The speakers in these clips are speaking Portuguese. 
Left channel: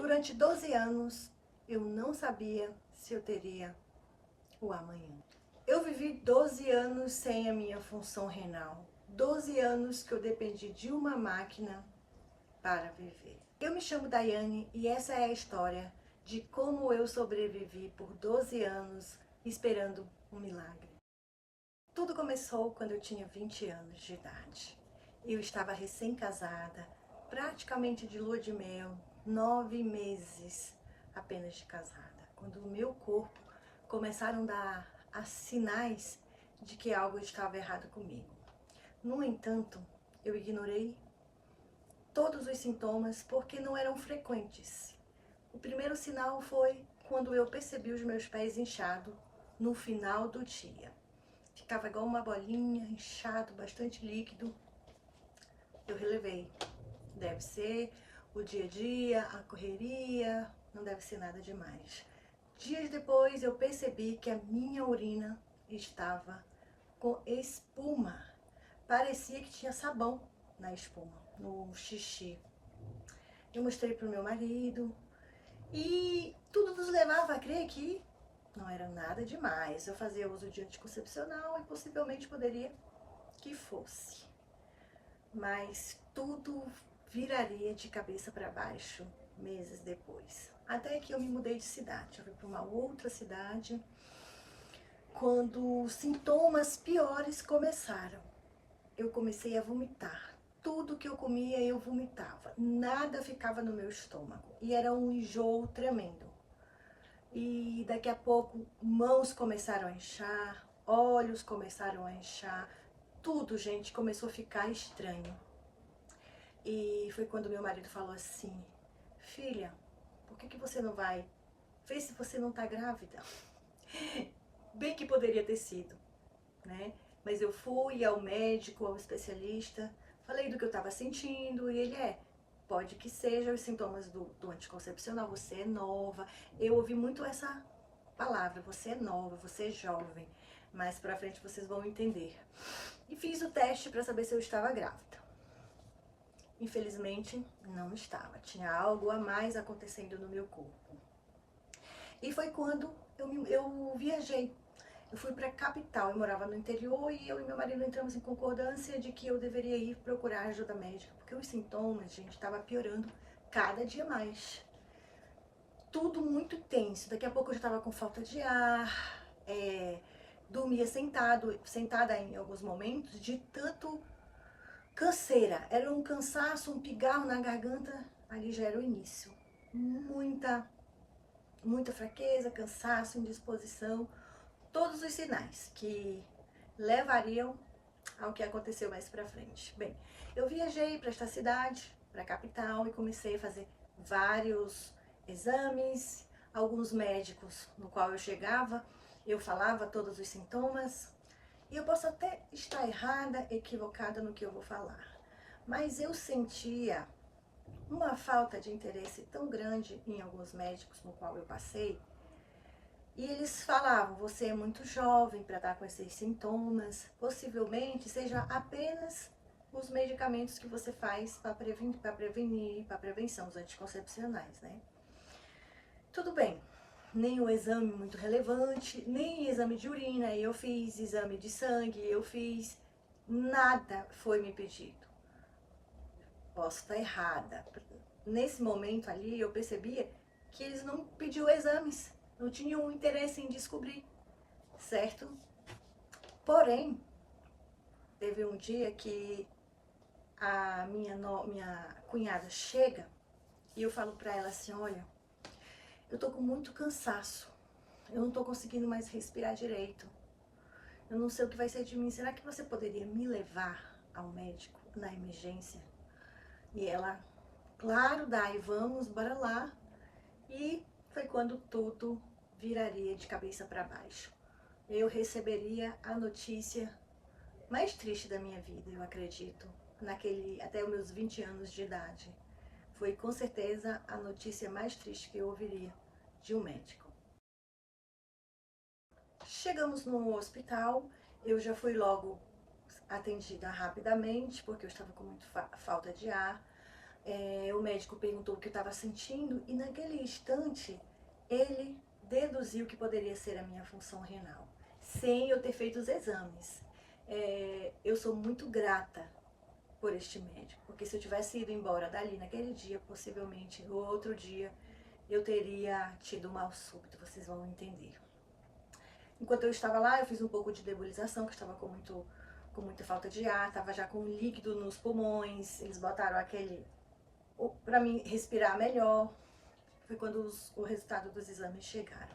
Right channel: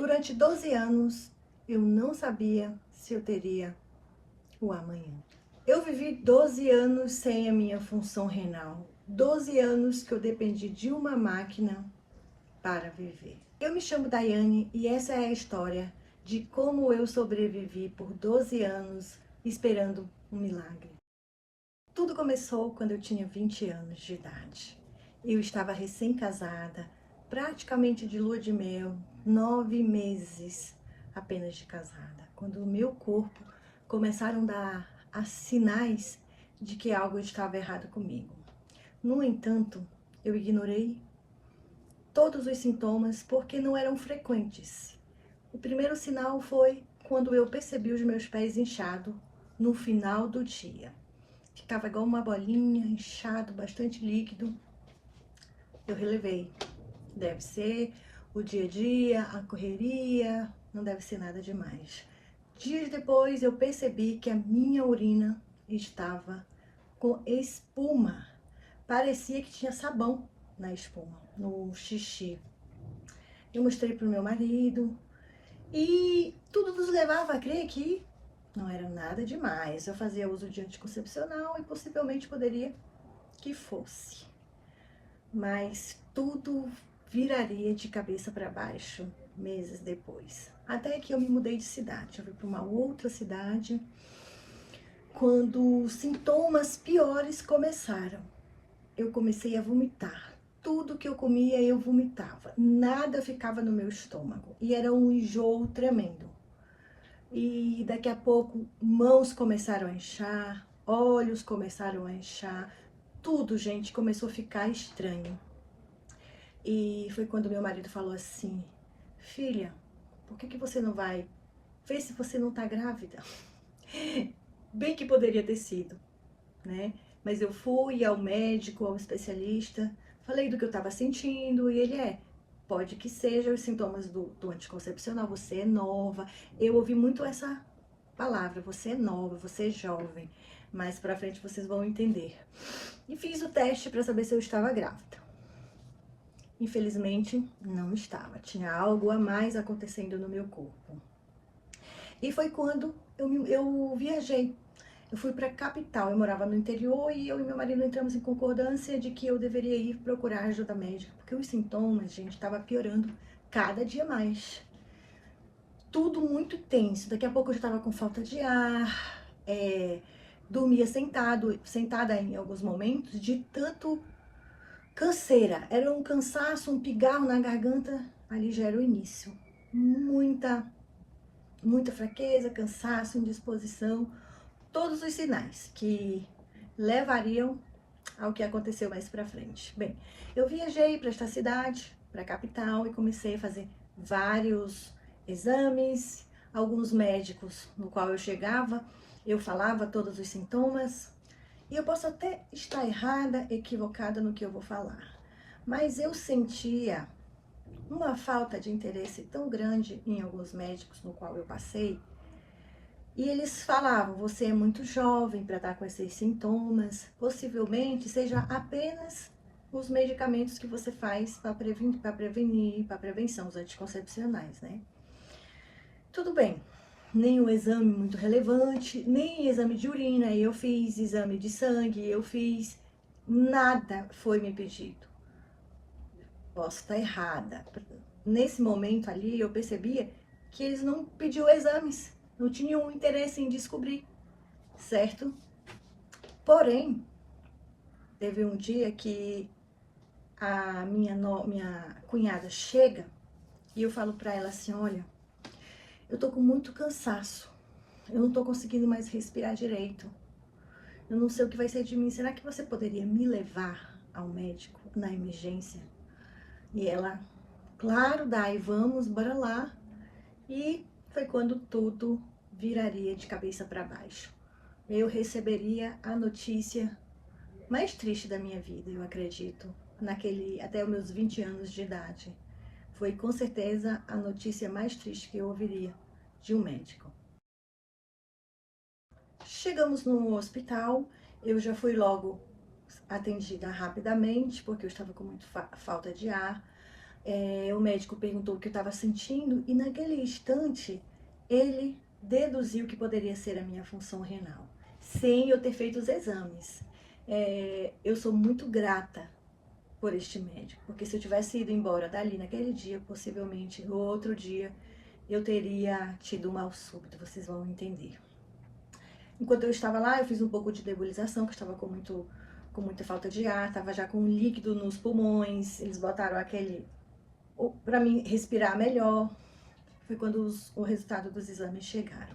Durante 12 anos, eu não sabia se eu teria o amanhã. Eu vivi 12 anos sem a minha função renal. 12 anos que eu dependi de uma máquina para viver. Eu me chamo Daiane e essa é a história de como eu sobrevivi por 12 anos esperando um milagre. Tudo começou quando eu tinha 20 anos de idade. Eu estava recém-casada, praticamente de lua de mel, 9 meses apenas de casada, quando o meu corpo começaram a dar sinais de que algo estava errado comigo. No entanto, eu ignorei todos os sintomas porque não eram frequentes. O primeiro sinal foi quando eu percebi os meus pés inchados no final do dia. Ficava igual uma bolinha, inchado, bastante líquido. Eu relevei. Deve ser o dia a dia, a correria, não deve ser nada demais. Dias depois eu percebi que a minha urina estava com espuma. Parecia que tinha sabão na espuma, no xixi. Eu mostrei para o meu marido e tudo nos levava a crer que não era nada demais. Eu fazia uso de anticoncepcional e possivelmente poderia que fosse. Mas tudo viraria de cabeça para baixo meses depois. Até que eu me mudei de cidade. Eu fui para uma outra cidade quando sintomas piores começaram. Eu comecei a vomitar. Tudo que eu comia eu vomitava. Nada ficava no meu estômago. E era um enjoo tremendo. E daqui a pouco mãos começaram a inchar, olhos começaram a inchar, tudo, gente, começou a ficar estranho. E foi quando meu marido falou assim: filha, por que você não vai ver se você não tá grávida? Bem que poderia ter sido, né? Mas eu fui ao médico, ao especialista, falei do que eu estava sentindo e ele pode que seja os sintomas do anticoncepcional, você é nova. Eu ouvi muito essa palavra, você é nova, você é jovem, mais pra frente vocês vão entender. E fiz o teste para saber se eu estava grávida. Infelizmente, não estava, tinha algo a mais acontecendo no meu corpo. E foi quando eu viajei. Eu fui para a capital, eu morava no interior e eu e meu marido entramos em concordância de que eu deveria ir procurar ajuda médica, porque os sintomas, gente, estava piorando cada dia mais. Tudo muito tenso, daqui a pouco eu já estava com falta de ar, dormia sentada em alguns momentos, de tanto canseira. Era um cansaço, um pigarro na garganta, ali já era o início. Muita fraqueza, cansaço, indisposição, todos os sinais que levariam ao que aconteceu mais pra frente. Bem, eu viajei para esta cidade, para a capital, e comecei a fazer vários exames, alguns médicos no qual eu chegava, eu falava todos os sintomas, e eu posso até estar errada, equivocada no que eu vou falar, mas eu sentia uma falta de interesse tão grande em alguns médicos no qual eu passei, e eles falavam: você é muito jovem para estar com esses sintomas, possivelmente seja apenas os medicamentos que você faz para prevenir, para prevenção, os anticoncepcionais, né? Tudo bem, nenhum exame muito relevante, nem exame de urina eu fiz, exame de sangue eu fiz, nada foi me pedido. Posso estar errada. Nesse momento ali eu percebia que eles não pediam exames, não tinham interesse em descobrir, certo? Porém, teve um dia que a minha cunhada chega e eu falo pra ela assim: olha, eu tô com muito cansaço, eu não tô conseguindo mais respirar direito, eu não sei o que vai ser de mim, será que você poderia me levar ao médico na emergência? E ela: claro, Dai, vamos, bora lá. E foi quando tudo viraria de cabeça para baixo. Eu receberia a notícia mais triste da minha vida, eu acredito, até os meus 20 anos de idade. Foi com certeza a notícia mais triste que eu ouviria de um médico. Chegamos no hospital, eu já fui logo atendida rapidamente, porque eu estava com muita falta de ar. O médico perguntou o que eu estava sentindo e naquele instante ele deduziu que poderia ser a minha função renal, sem eu ter feito os exames. Eu sou muito grata por este médico, porque se eu tivesse ido embora dali naquele dia, possivelmente no outro dia eu teria tido um mal súbito, vocês vão entender. Enquanto eu estava lá, eu fiz um pouco de nebulização, que eu estava com muita falta de ar, estava já com líquido nos pulmões, eles botaram aquele para mim respirar melhor. Foi quando o resultado dos exames chegaram.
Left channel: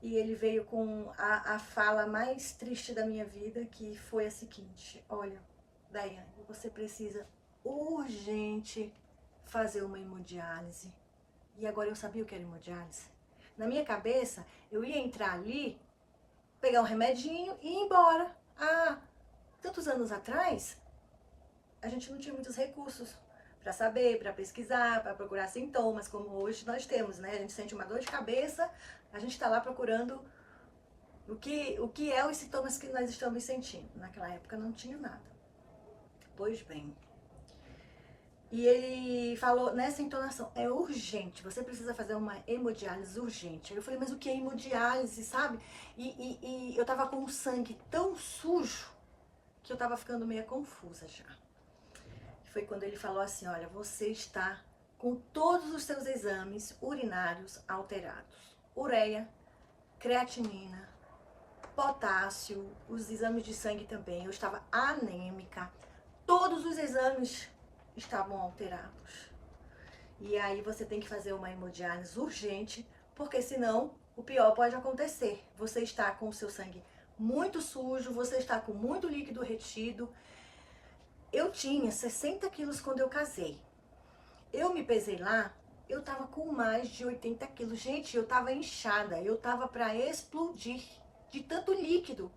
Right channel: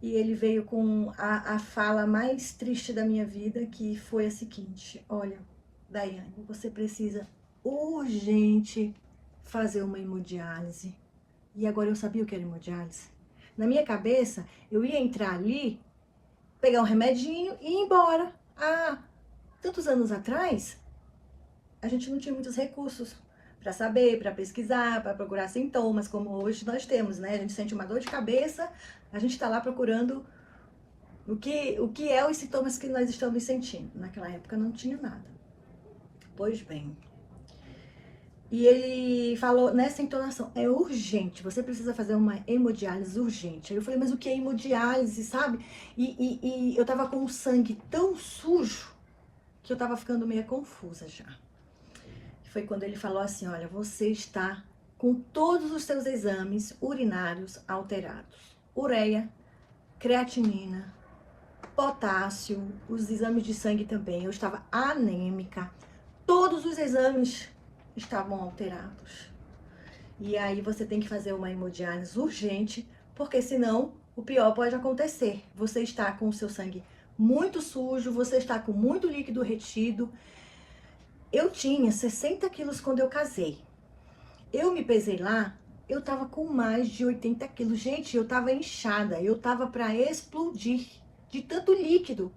E ele veio com a fala mais triste da minha vida, que foi a seguinte: olha, Daiane, você precisa urgente fazer uma hemodiálise. E agora eu sabia o que era hemodiálise. Na minha cabeça, eu ia entrar ali, pegar um remedinho e ir embora. Há tantos anos atrás, a gente não tinha muitos recursos para saber, para pesquisar, para procurar sintomas, como hoje nós temos, né? A gente sente uma dor de cabeça, a gente está lá procurando o que é os sintomas que nós estamos sentindo. Naquela época não tinha nada. Pois bem. E ele falou nessa entonação: é urgente, você precisa fazer uma hemodiálise urgente. Aí eu falei: mas o que é hemodiálise, sabe? E eu tava com o sangue tão sujo que eu tava ficando meio confusa já. Foi quando ele falou assim: olha, você está com todos os seus exames urinários alterados. Ureia, creatinina, potássio, os exames de sangue também. Eu estava anêmica. Todos os exames estavam alterados. E aí você tem que fazer uma hemodiálise urgente, porque senão o pior pode acontecer. Você está com o seu sangue muito sujo, você está com muito líquido retido. Eu tinha 60 quilos quando eu casei. Eu me pesei lá, eu tava com mais de 80 quilos. Gente, eu tava inchada, eu tava para explodir de tanto líquido.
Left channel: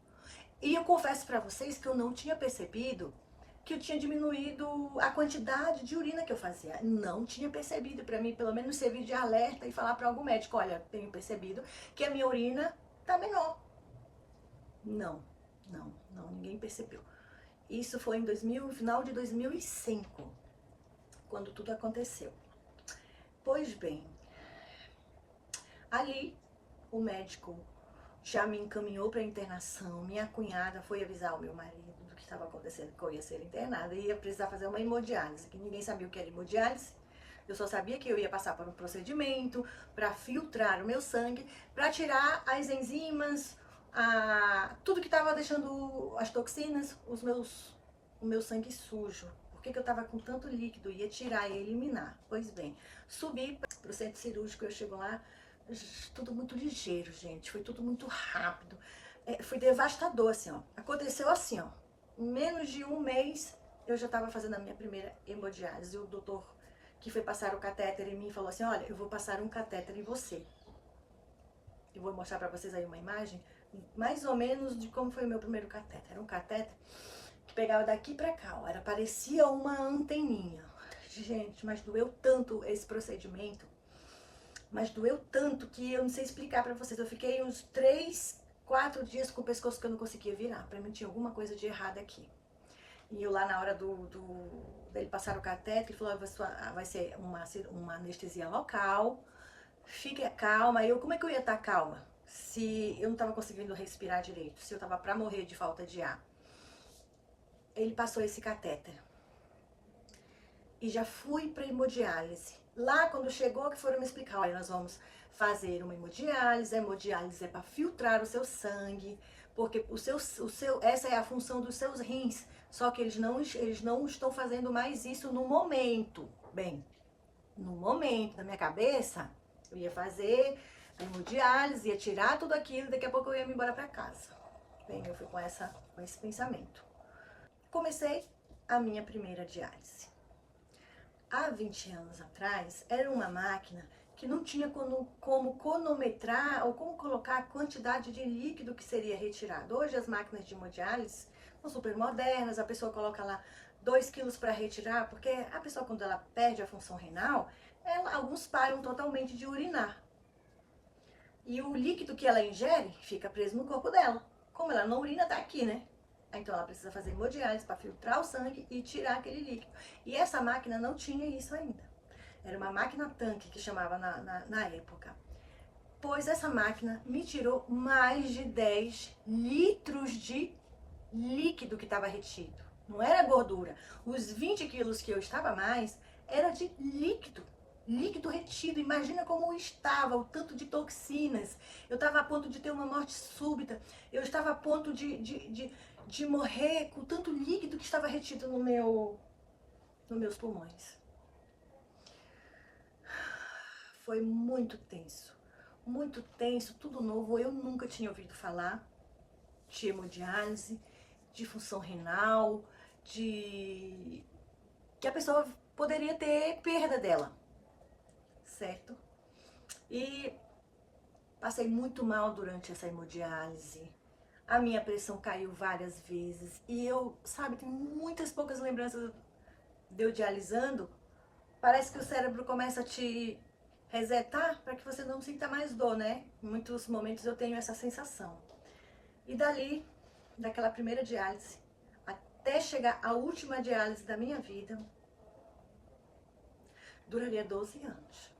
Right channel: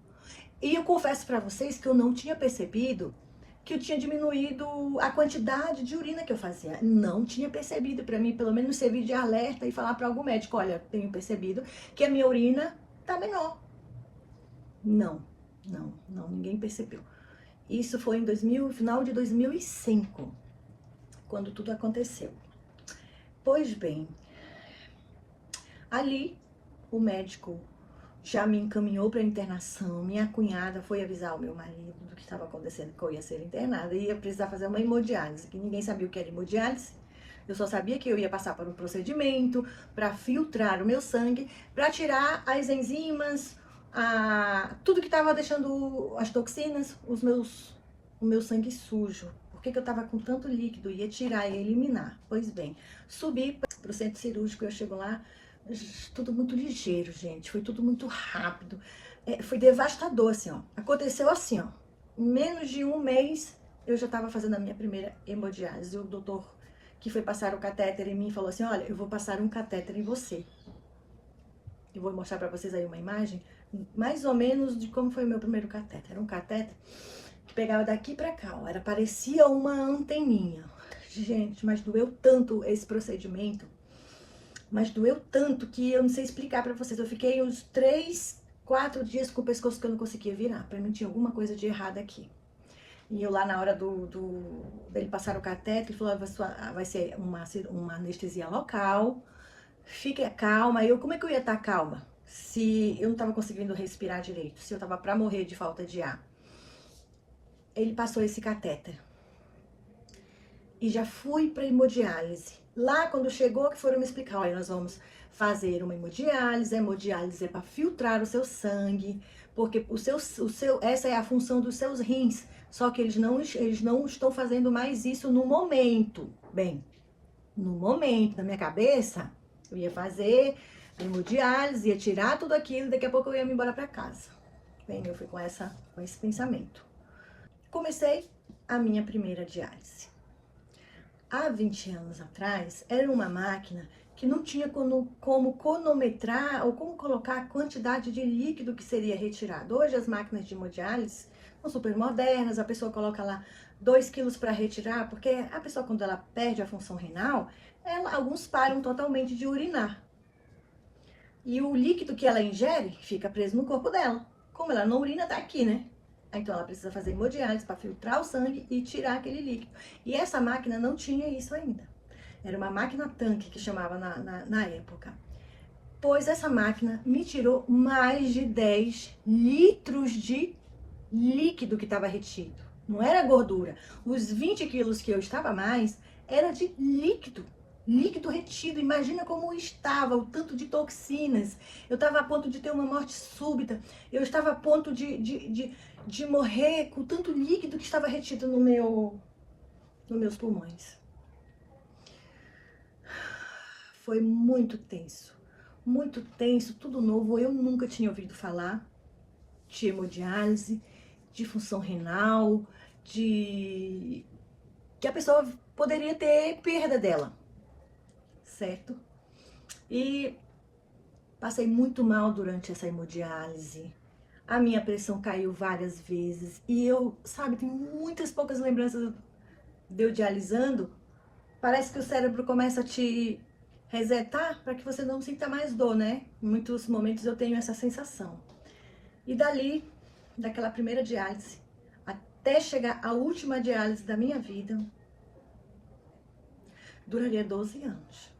E eu confesso para vocês que eu não tinha percebido que eu tinha diminuído a quantidade de urina que eu fazia. Não tinha percebido. Para mim, pelo menos, servir de alerta e falar para algum médico: olha, tenho percebido que a minha urina tá menor. Não, ninguém percebeu. Isso foi em final de 2005, quando tudo aconteceu. Pois bem, ali o médico já me encaminhou para internação. Minha cunhada foi avisar o meu marido do que estava acontecendo, que eu ia ser internada e ia precisar fazer uma hemodiálise, que ninguém sabia o que era hemodiálise. Eu só sabia que eu ia passar por um procedimento para filtrar o meu sangue, para tirar as enzimas, tudo que estava deixando as toxinas, o meu sangue sujo. Por que eu estava com tanto líquido? Ia tirar e eliminar. Pois bem, subi para o centro cirúrgico, eu chego lá, tudo muito ligeiro, gente. Foi tudo muito rápido. Foi devastador, assim, ó. Aconteceu assim, ó. Em menos de um mês, eu já estava fazendo a minha primeira hemodiálise. O doutor que foi passar o catéter em mim falou assim: olha, eu vou passar um catéter em você. Eu vou mostrar para vocês aí uma imagem, mais ou menos de como foi o meu primeiro catéter. Era um catéter que pegava daqui para cá, ó. Parecia uma anteninha. Gente, mas doeu tanto esse procedimento. Mas doeu tanto que eu não sei explicar pra vocês. Eu fiquei uns 3, 4 dias com o pescoço que eu não conseguia virar. Pra mim tinha alguma coisa de errado aqui. E eu lá na hora dele passar o cateter, ele falou: vai ser uma anestesia local, fique calma. E eu, como é que eu ia estar calma se eu não tava conseguindo respirar direito, se eu tava pra morrer de falta de ar? Ele passou esse catéter. E já fui pra hemodiálise. Lá, quando chegou, que foram me explicar: olha, nós vamos fazer uma hemodiálise. A hemodiálise é para filtrar o seu sangue, porque essa é a função dos seus rins. Só que eles não estão fazendo mais isso no momento. Bem, no momento, na minha cabeça, eu ia fazer a hemodiálise, ia tirar tudo aquilo, e daqui a pouco eu ia me embora para casa. Bem, eu fui com esse pensamento. Comecei a minha primeira diálise. Há 20 anos atrás, era uma máquina que não tinha como cronometrar ou como colocar a quantidade de líquido que seria retirado. Hoje as máquinas de hemodiálise são super modernas, a pessoa coloca lá 2 quilos para retirar, porque a pessoa, quando ela perde a função renal, alguns param totalmente de urinar. E o líquido que ela ingere fica preso no corpo dela. Como ela não urina, tá aqui, né? Então ela precisa fazer hemodiálise para filtrar o sangue e tirar aquele líquido. E essa máquina não tinha isso ainda. Era uma máquina tanque que chamava na época. Pois essa máquina me tirou mais de 10 litros de líquido que estava retido. Não era gordura. Os 20 quilos que eu estava a mais era de líquido. Líquido retido. Imagina como estava, o tanto de toxinas. Eu estava a ponto de ter uma morte súbita. Eu estava a ponto de morrer com tanto líquido que estava retido nos meus pulmões. Foi muito tenso, tudo novo. Eu nunca tinha ouvido falar de hemodiálise, de função renal, de que a pessoa poderia ter perda dela, certo? E passei muito mal durante essa hemodiálise. A minha pressão caiu várias vezes e eu, sabe, tenho muitas poucas lembranças de eu dialisando. Parece que o cérebro começa a te resetar para que você não sinta mais dor, né? Em muitos momentos eu tenho essa sensação. E dali, daquela primeira diálise, até chegar à última diálise da minha vida, duraria 12 anos.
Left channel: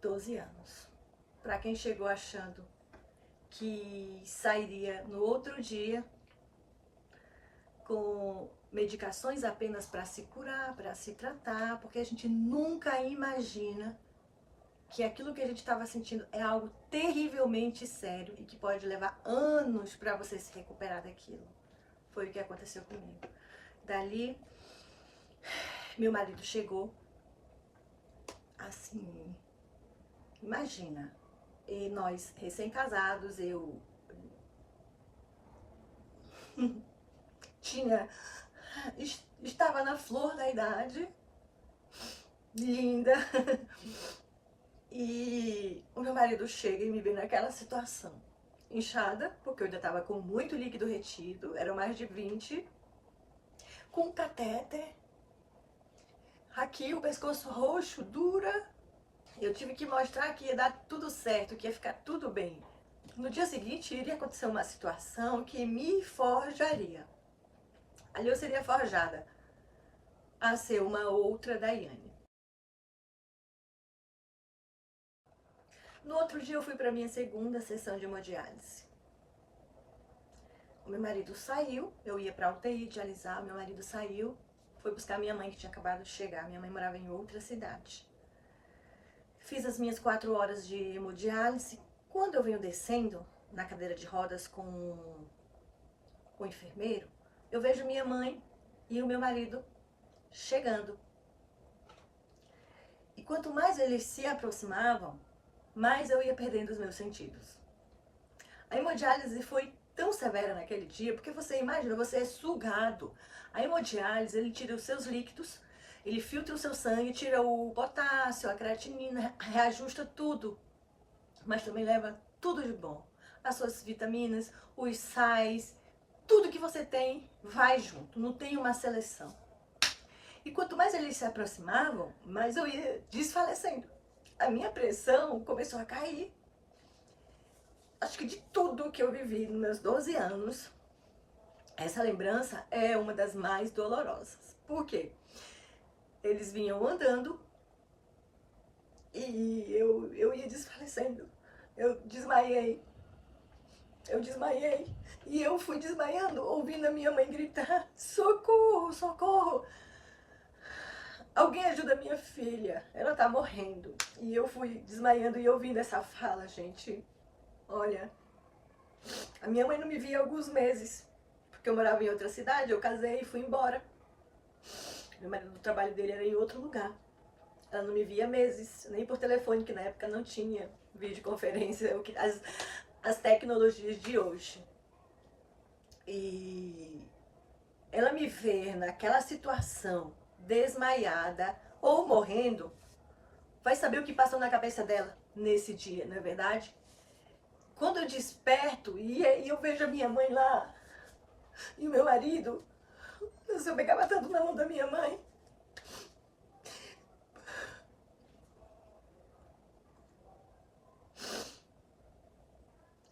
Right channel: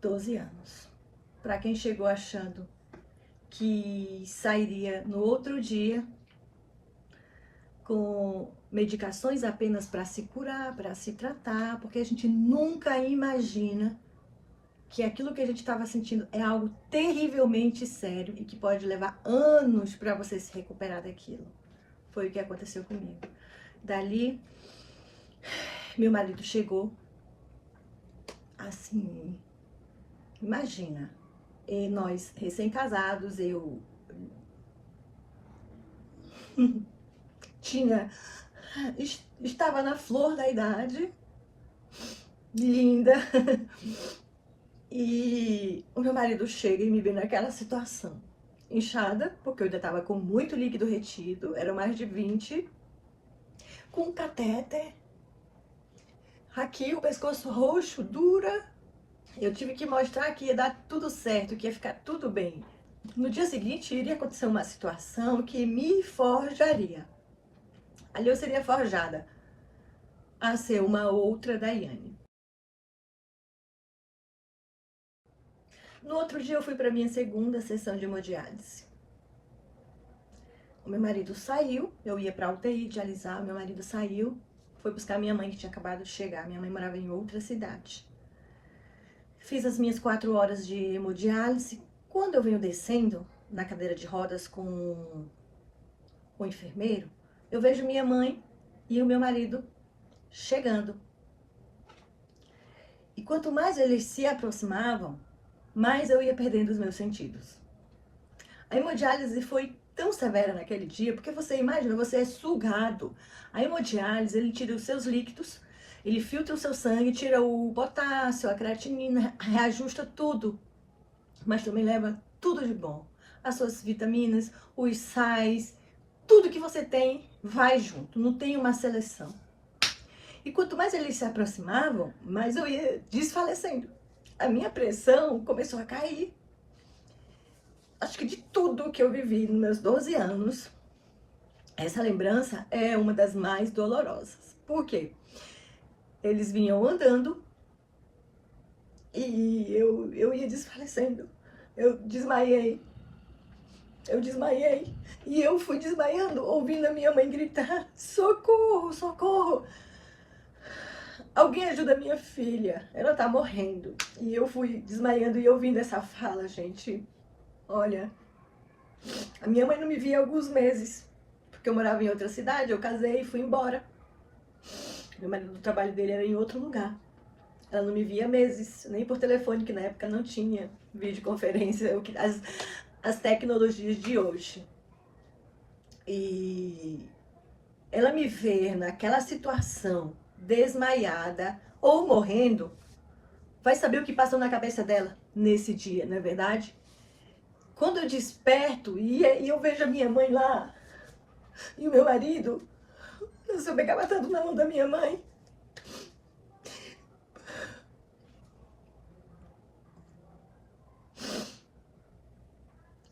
12 anos. Para quem chegou achando que sairia no outro dia com medicações apenas para se curar, para se tratar, porque a gente nunca imagina que aquilo que a gente estava sentindo é algo terrivelmente sério e que pode levar anos para você se recuperar daquilo. Foi o que aconteceu comigo. Dali, meu marido chegou, assim, imagina, e nós recém-casados, eu estava na flor da idade, linda, e o meu marido chega e me vê naquela situação, inchada, porque eu ainda estava com muito líquido retido, eram mais de 20, com um catéter, aqui o pescoço roxo, dura. Eu tive que mostrar que ia dar tudo certo, que ia ficar tudo bem. No dia seguinte, iria acontecer uma situação que me forjaria. Ali eu seria forjada a ser uma outra Daiane. No outro dia, eu fui para minha segunda sessão de hemodiálise. O meu marido saiu, eu ia para a UTI dialisar, o meu marido saiu, foi buscar minha mãe, que tinha acabado de chegar. Minha mãe morava em outra cidade. Fiz as minhas 4 horas de hemodiálise. Quando eu venho descendo na cadeira de rodas com o enfermeiro, eu vejo minha mãe e o meu marido chegando. E quanto mais eles se aproximavam, mais eu ia perdendo os meus sentidos. A hemodiálise foi tão severa naquele dia, porque você imagina, você é sugado. A hemodiálise, ele tira os seus líquidos, ele filtra o seu sangue, tira o potássio, a creatinina, reajusta tudo. Mas também leva tudo de bom. As suas vitaminas, os sais, tudo que você tem vai junto, não tem uma seleção. E quanto mais eles se aproximavam, mais eu ia desfalecendo. A minha pressão começou a cair. Acho que de tudo que eu vivi nos meus 12 anos, essa lembrança é uma das mais dolorosas. Por quê? Eles vinham andando e eu ia desfalecendo. Eu desmaiei. E eu fui desmaiando, ouvindo a minha mãe gritar: socorro, socorro! Alguém ajuda a minha filha, ela tá morrendo. E eu fui desmaiando e ouvindo essa fala, gente. Olha, a minha mãe não me via há alguns meses, porque eu morava em outra cidade, eu casei e fui embora. Meu marido, o trabalho dele era em outro lugar. Ela não me via há meses, nem por telefone, que na época não tinha videoconferência, as tecnologias de hoje. E ela me ver naquela situação, desmaiada ou morrendo, vai saber o que passou na cabeça dela nesse dia, não é verdade? Quando eu desperto e eu vejo a minha mãe lá e o meu marido, eu pegava tanto na mão da minha mãe.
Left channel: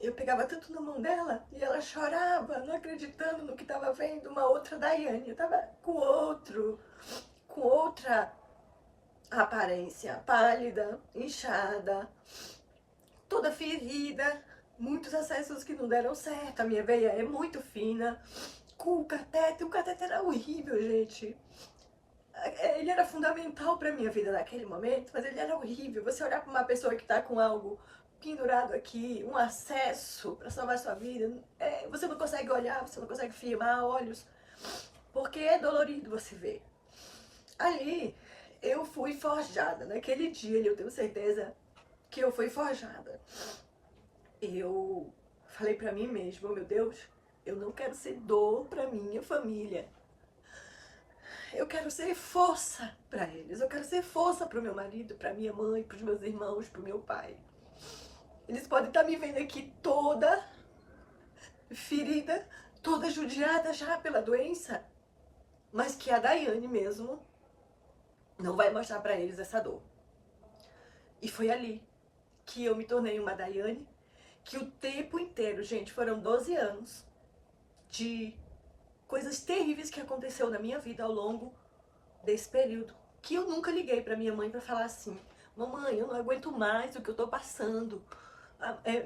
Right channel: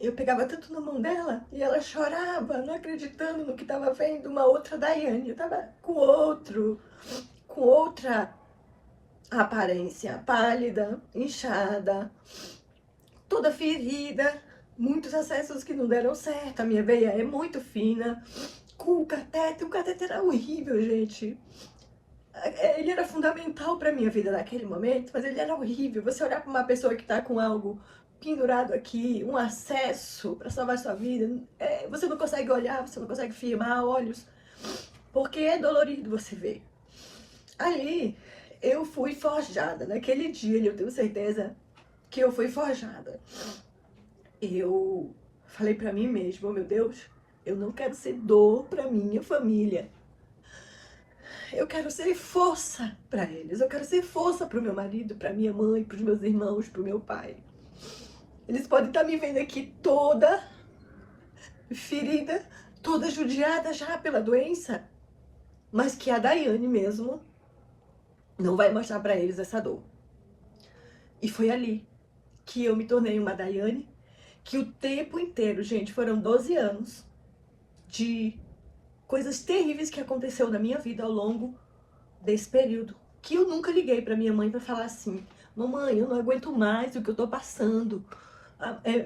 eu pegava tanto na mão dela e ela chorava, não acreditando no que estava vendo, uma outra Daiane. Eu estava com outra aparência, pálida, inchada, toda ferida, muitos acessos que não deram certo, a minha veia é muito fina, com o catéter era horrível, gente. Ele era fundamental para minha vida naquele momento, mas ele era horrível. Você olhar para uma pessoa que está com algo pendurado aqui, um acesso para salvar sua vida, você não consegue olhar, você não consegue firmar olhos, porque é dolorido você ver. Ali, eu fui forjada. Naquele dia, eu tenho certeza que eu fui forjada. Eu falei para mim mesma, oh, meu Deus, eu não quero ser dor para minha família. Eu quero ser força para eles. Eu quero ser força para o meu marido, para minha mãe, para os meus irmãos, para o meu pai. Eles podem estar me vendo aqui toda ferida, toda judiada já pela doença, mas que a Daiane mesmo não vai mostrar para eles essa dor. E foi ali que eu me tornei uma Daiane, que o tempo inteiro, gente, foram 12 anos de coisas terríveis que aconteceu na minha vida ao longo desse período, que eu nunca liguei para minha mãe para falar assim: mamãe, eu não aguento mais o que eu tô passando.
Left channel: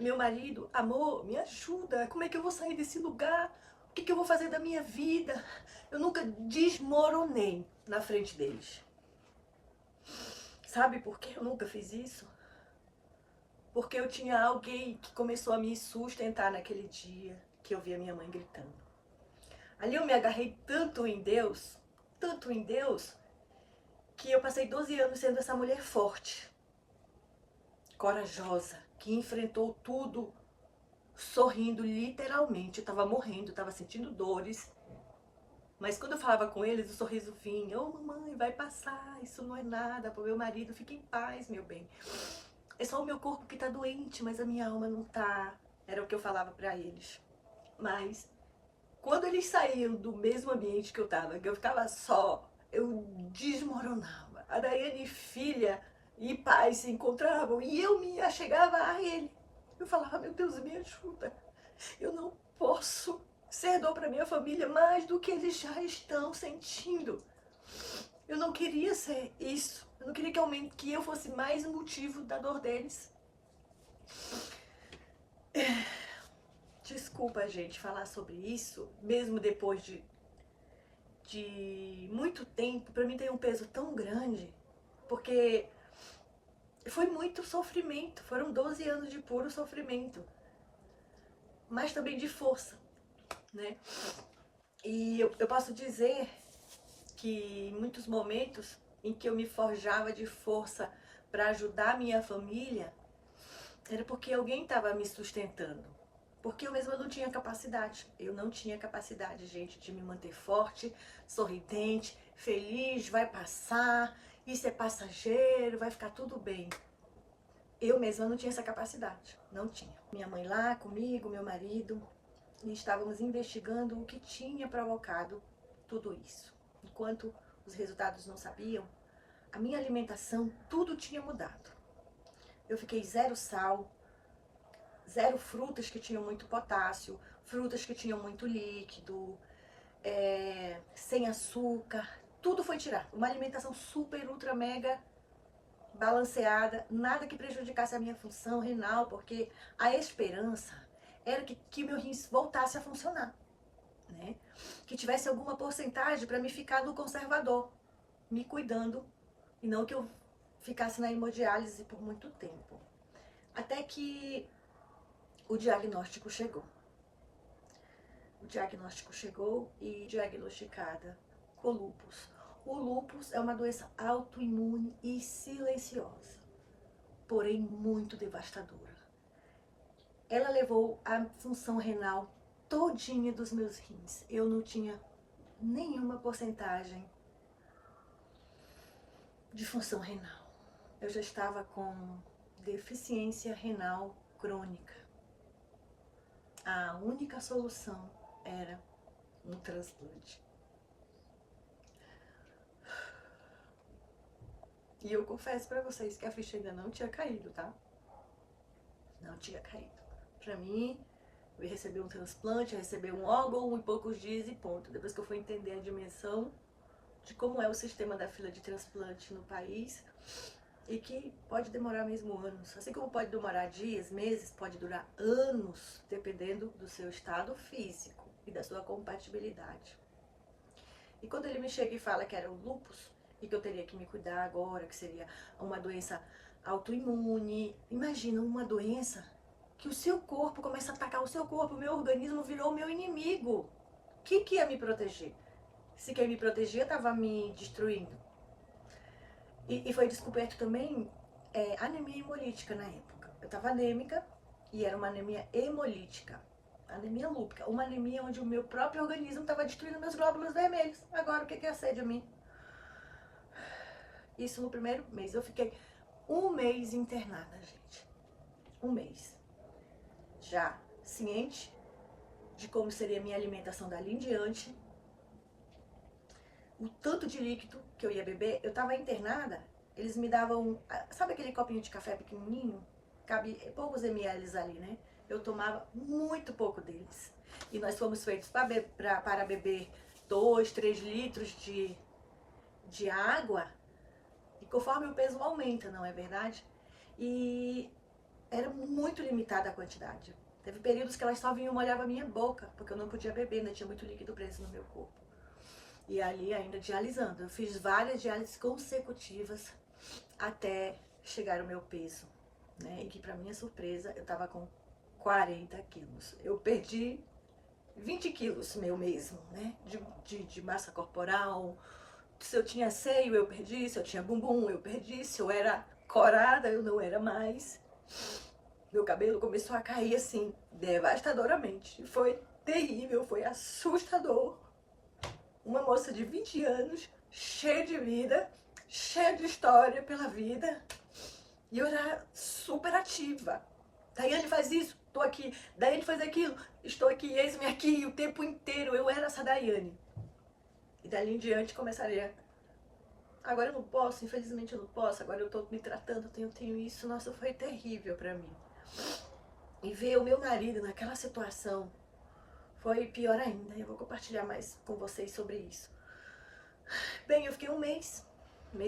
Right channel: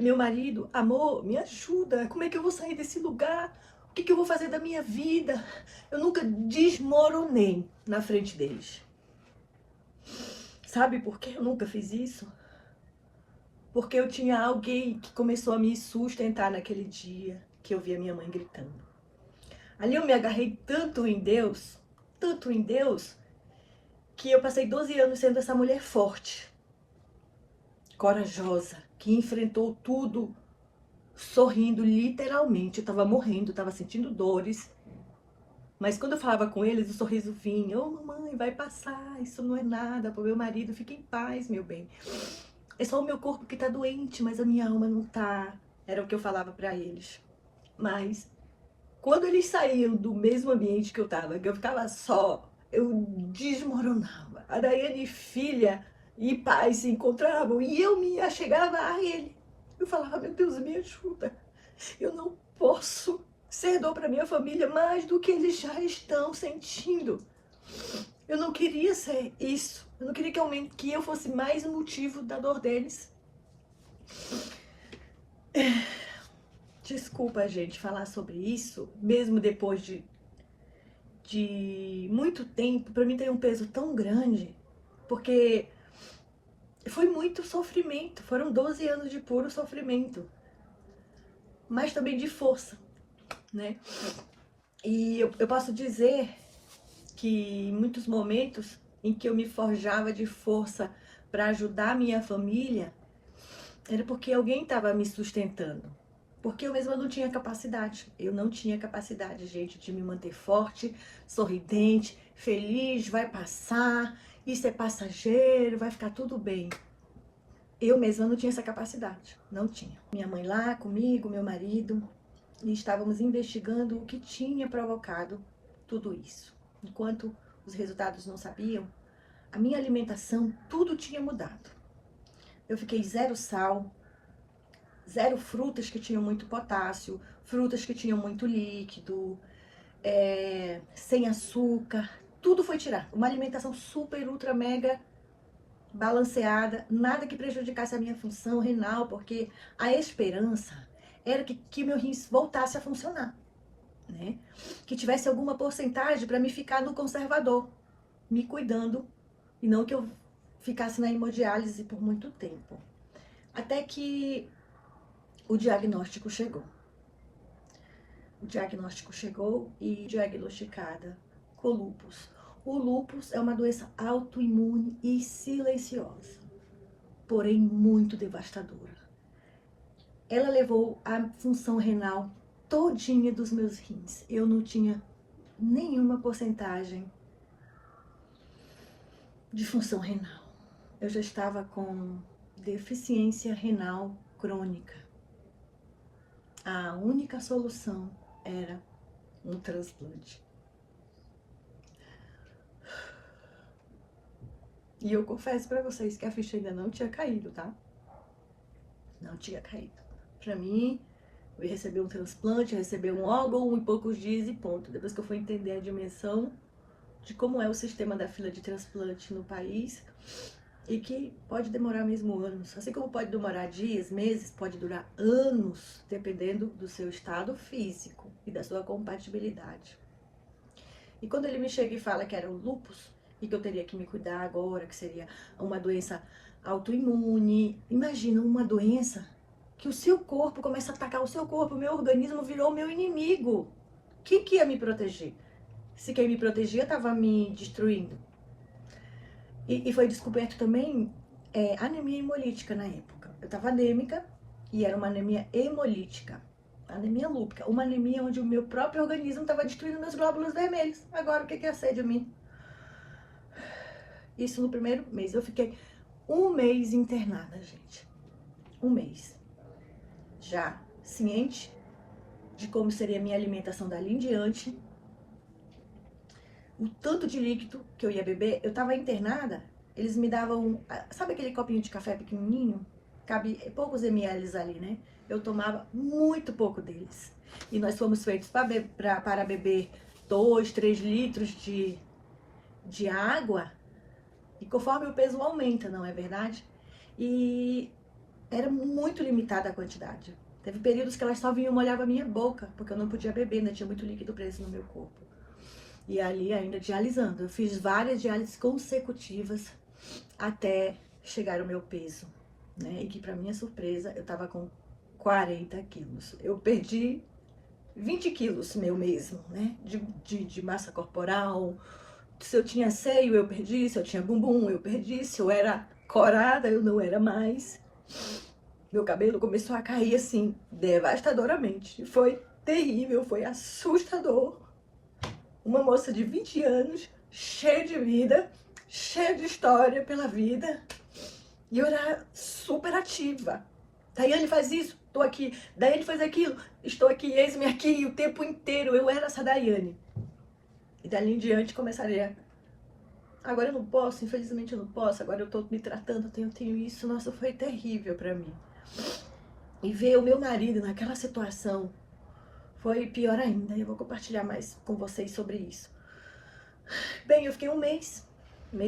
Meu marido, amor, me ajuda, como é que eu vou sair desse lugar? O que eu vou fazer da minha vida? Eu nunca desmoronei na frente deles. Sabe por que eu nunca fiz isso? Porque eu tinha alguém que começou a me sustentar naquele dia que eu vi a minha mãe gritando. Ali eu me agarrei tanto em Deus, que eu passei 12 anos sendo essa mulher forte, corajosa, que enfrentou tudo sorrindo literalmente. Eu tava morrendo, tava sentindo dores, mas quando eu falava com eles, o sorriso vinha. Ô, mamãe, vai passar, isso não é nada pro meu marido, fica em paz, meu bem. É só o meu corpo que tá doente, mas a minha alma não tá. Era o que eu falava pra eles. Mas quando eles saíam do mesmo ambiente que eu ficava só, eu desmoronava. A Daiane, filha e pai se encontravam e eu me achegava a ele. Eu falava, meu Deus, me ajuda. Eu não posso ser dor para minha família mais do que eles já estão sentindo. Eu não queria ser isso. Eu não queria que eu fosse mais um motivo da dor deles. Desculpa, gente, falar sobre isso, mesmo depois de muito tempo, para mim tem um peso tão grande, porque foi muito sofrimento, foram 12 anos de puro sofrimento, mas também de força, né? E eu posso dizer que em muitos momentos em que eu me forjava de força para ajudar a minha família, era porque alguém estava me sustentando. Porque eu mesma não tinha capacidade. Eu não tinha capacidade, gente, de me manter forte, sorridente, feliz, vai passar, isso é passageiro, vai ficar tudo bem. Eu mesma não tinha essa capacidade, não tinha. Minha mãe lá comigo, meu marido, e estávamos investigando o que tinha provocado tudo isso. Enquanto os resultados não sabiam, a minha alimentação, tudo tinha mudado. Eu fiquei zero sal, zero frutas que tinham muito potássio, frutas que tinham muito líquido, sem açúcar, tudo foi tirado. Uma alimentação super, ultra, mega balanceada, nada que prejudicasse a minha função renal, porque a esperança era que meu rins voltasse a funcionar, né? Que tivesse alguma porcentagem para me ficar no conservador, me cuidando, e não que eu ficasse na hemodiálise por muito tempo. Até que o diagnóstico chegou. O diagnóstico chegou e diagnosticada com lúpus. O lúpus é uma doença autoimune e silenciosa, porém muito devastadora. Ela levou a função renal todinha dos meus rins. Eu não tinha nenhuma porcentagem de função renal. Eu já estava com deficiência renal crônica. A única solução era um transplante. E eu confesso pra vocês que a ficha ainda não tinha caído, tá? Não tinha caído. pra mim. Eu ia receber um transplante, ia receber um órgão em poucos dias e ponto. Depois que eu fui entender a dimensão de como é o sistema da fila de transplante no país e que pode demorar mesmo anos. Assim como pode demorar dias, meses, pode durar anos, dependendo do seu estado físico e da sua compatibilidade. E quando ele me chega e fala que era o lúpus e que eu teria que me cuidar agora, que seria uma doença autoimune, imagina uma doença que o seu corpo começa a atacar o seu corpo, o meu organismo virou meu inimigo. O que ia me proteger? Se quem me protegia estava me destruindo. E foi descoberto também anemia hemolítica na época. Eu estava anêmica e era uma anemia hemolítica. Anemia lúpica, uma anemia onde o meu próprio organismo estava destruindo meus glóbulos vermelhos. Agora, o que é ser de mim? Isso no primeiro mês. Eu fiquei um mês internada, gente. Um mês. Já ciente de como seria a minha alimentação dali em diante, o tanto de líquido que eu ia beber. Eu tava internada, eles me davam, sabe aquele copinho de café pequenininho? Cabe poucos ml ali, né? Eu tomava muito pouco deles. E nós fomos feitos para beber 2, 3 litros de água, e conforme o peso aumenta, não é verdade? E era muito limitada a quantidade. Teve períodos que elas só vinham molhar a minha boca, porque eu não podia beber, ainda tinha muito líquido preso no meu corpo. E ali ainda dialisando. Eu fiz várias diálises consecutivas até chegar ao meu peso, né? E que para minha surpresa, eu tava com 40 quilos. Eu perdi 20 quilos meu mesmo, né? De massa corporal. Se eu tinha seio, eu perdi. Se eu tinha bumbum, eu perdi. Se eu era corada, eu não era mais. Meu cabelo começou a cair assim, devastadoramente. Foi terrível, foi assustador. Uma moça de 20 anos, cheia de vida, cheia de história pela vida. E eu era super ativa. Daiane faz isso, estou aqui. Daiane faz aquilo, estou aqui, eis-me aqui o tempo inteiro. Eu era essa Daiane. E dali em diante começaria. Agora eu não posso, infelizmente eu não posso. Agora eu estou me tratando, tenho isso. Nossa, foi terrível para mim. E ver o meu marido naquela situação foi pior ainda. Eu vou compartilhar mais com vocês sobre isso. Bem, eu fiquei um mês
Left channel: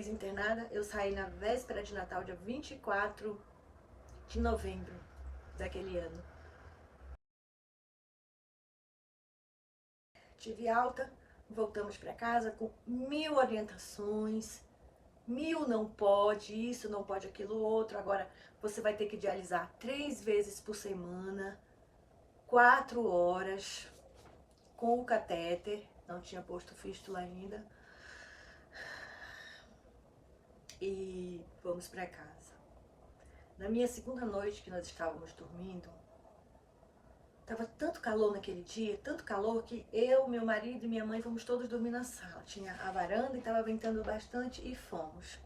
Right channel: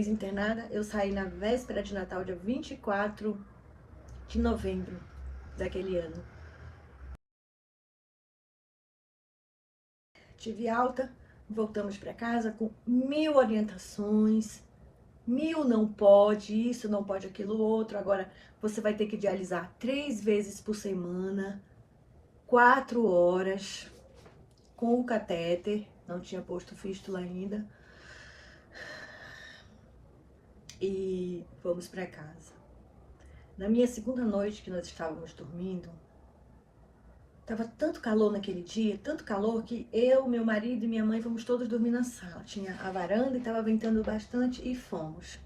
internada. Eu saí na véspera de Natal, dia 24 de novembro daquele ano. Tive alta, voltamos para casa com 1000 orientações. 1000 não pode, isso não pode, aquilo outro. Agora você vai ter que dialisar 3 vezes por semana, 4 horas, com o catéter. Não tinha posto fístula ainda. E fomos para casa. Na minha segunda noite que nós estávamos dormindo, tava tanto calor naquele dia, tanto calor, que eu, meu marido e minha mãe fomos todos dormir na sala. Tinha a varanda e tava ventando bastante e fomos.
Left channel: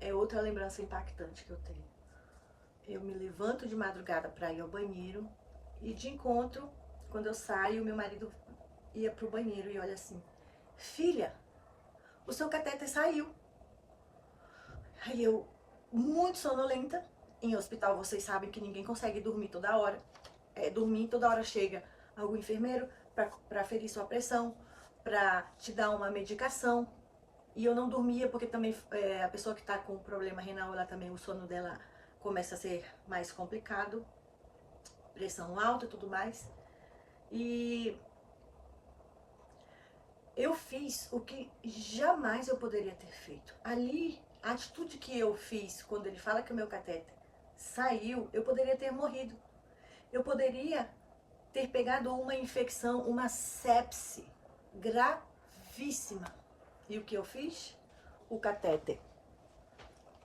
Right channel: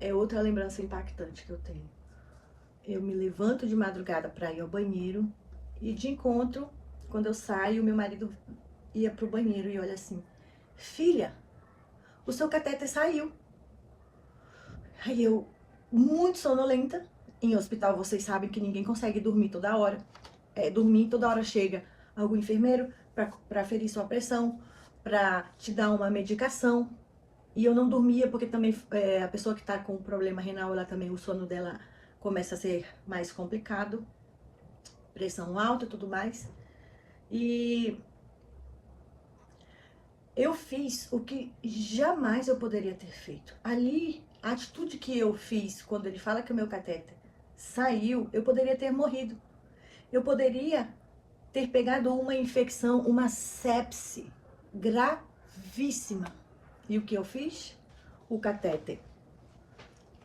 É outra lembrança impactante que eu tenho. Eu me levanto de madrugada para ir ao banheiro e de encontro, quando eu saio, meu marido ia pro banheiro e olha assim: filha, o seu catéter saiu. Aí eu, muito sonolenta, em hospital vocês sabem que ninguém consegue dormir toda hora. Dormir toda hora chega algum enfermeiro para ferir sua pressão, para te dar uma medicação. E eu não dormia porque também a pessoa que está com problema renal, ela também, o sono dela começa a ser mais complicado, pressão alta e tudo mais. E eu fiz o que jamais eu poderia ter feito. Ali, a atitude que eu fiz quando ele fala que o meu catéter saiu, eu poderia ter morrido. Eu poderia ter pegado uma infecção, uma sepse gravíssima. E o que eu fiz? O catéter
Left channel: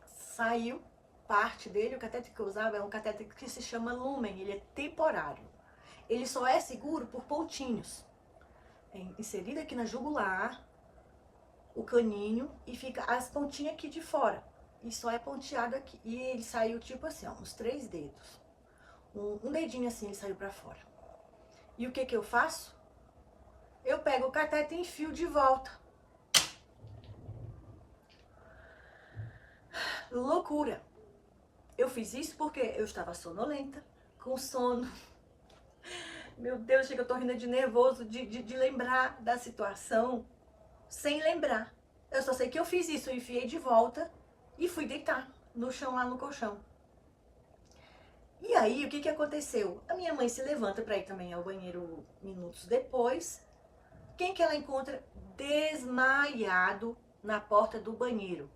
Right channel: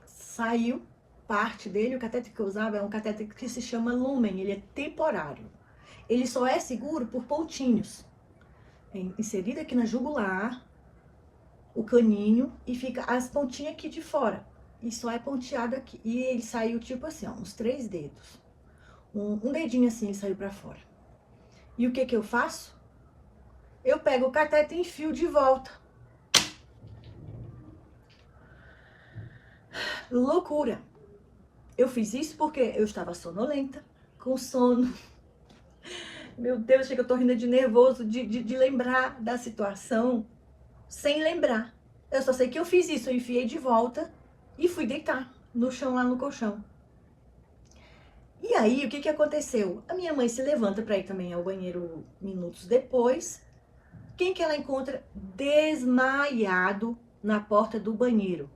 saiu, parte dele. O catéter que eu usava é um catéter que se chama lumen, ele é temporário. Ele só é seguro por pontinhos. É inserido aqui na jugular, o caninho, e fica as pontinhas aqui de fora. E só é ponteado aqui. E ele saiu tipo assim, ó, uns 3 dedos. Um dedinho assim, ele saiu pra fora. E o que que eu faço? Eu pego o catéter e enfio de volta. Loucura. Eu fiz isso porque eu estava sonolenta, com sono. Meu Deus, chega, eu tô rindo de nervoso de lembrar da situação sem lembrar. Eu só sei que eu fiz isso, eu enfiei de volta e fui deitar no chão, lá no colchão. E aí, o que que aconteceu? A minha mãe se levanta para ir também ao banheiro minutos depois. Quem que ela encontra desmaiado na porta do banheiro?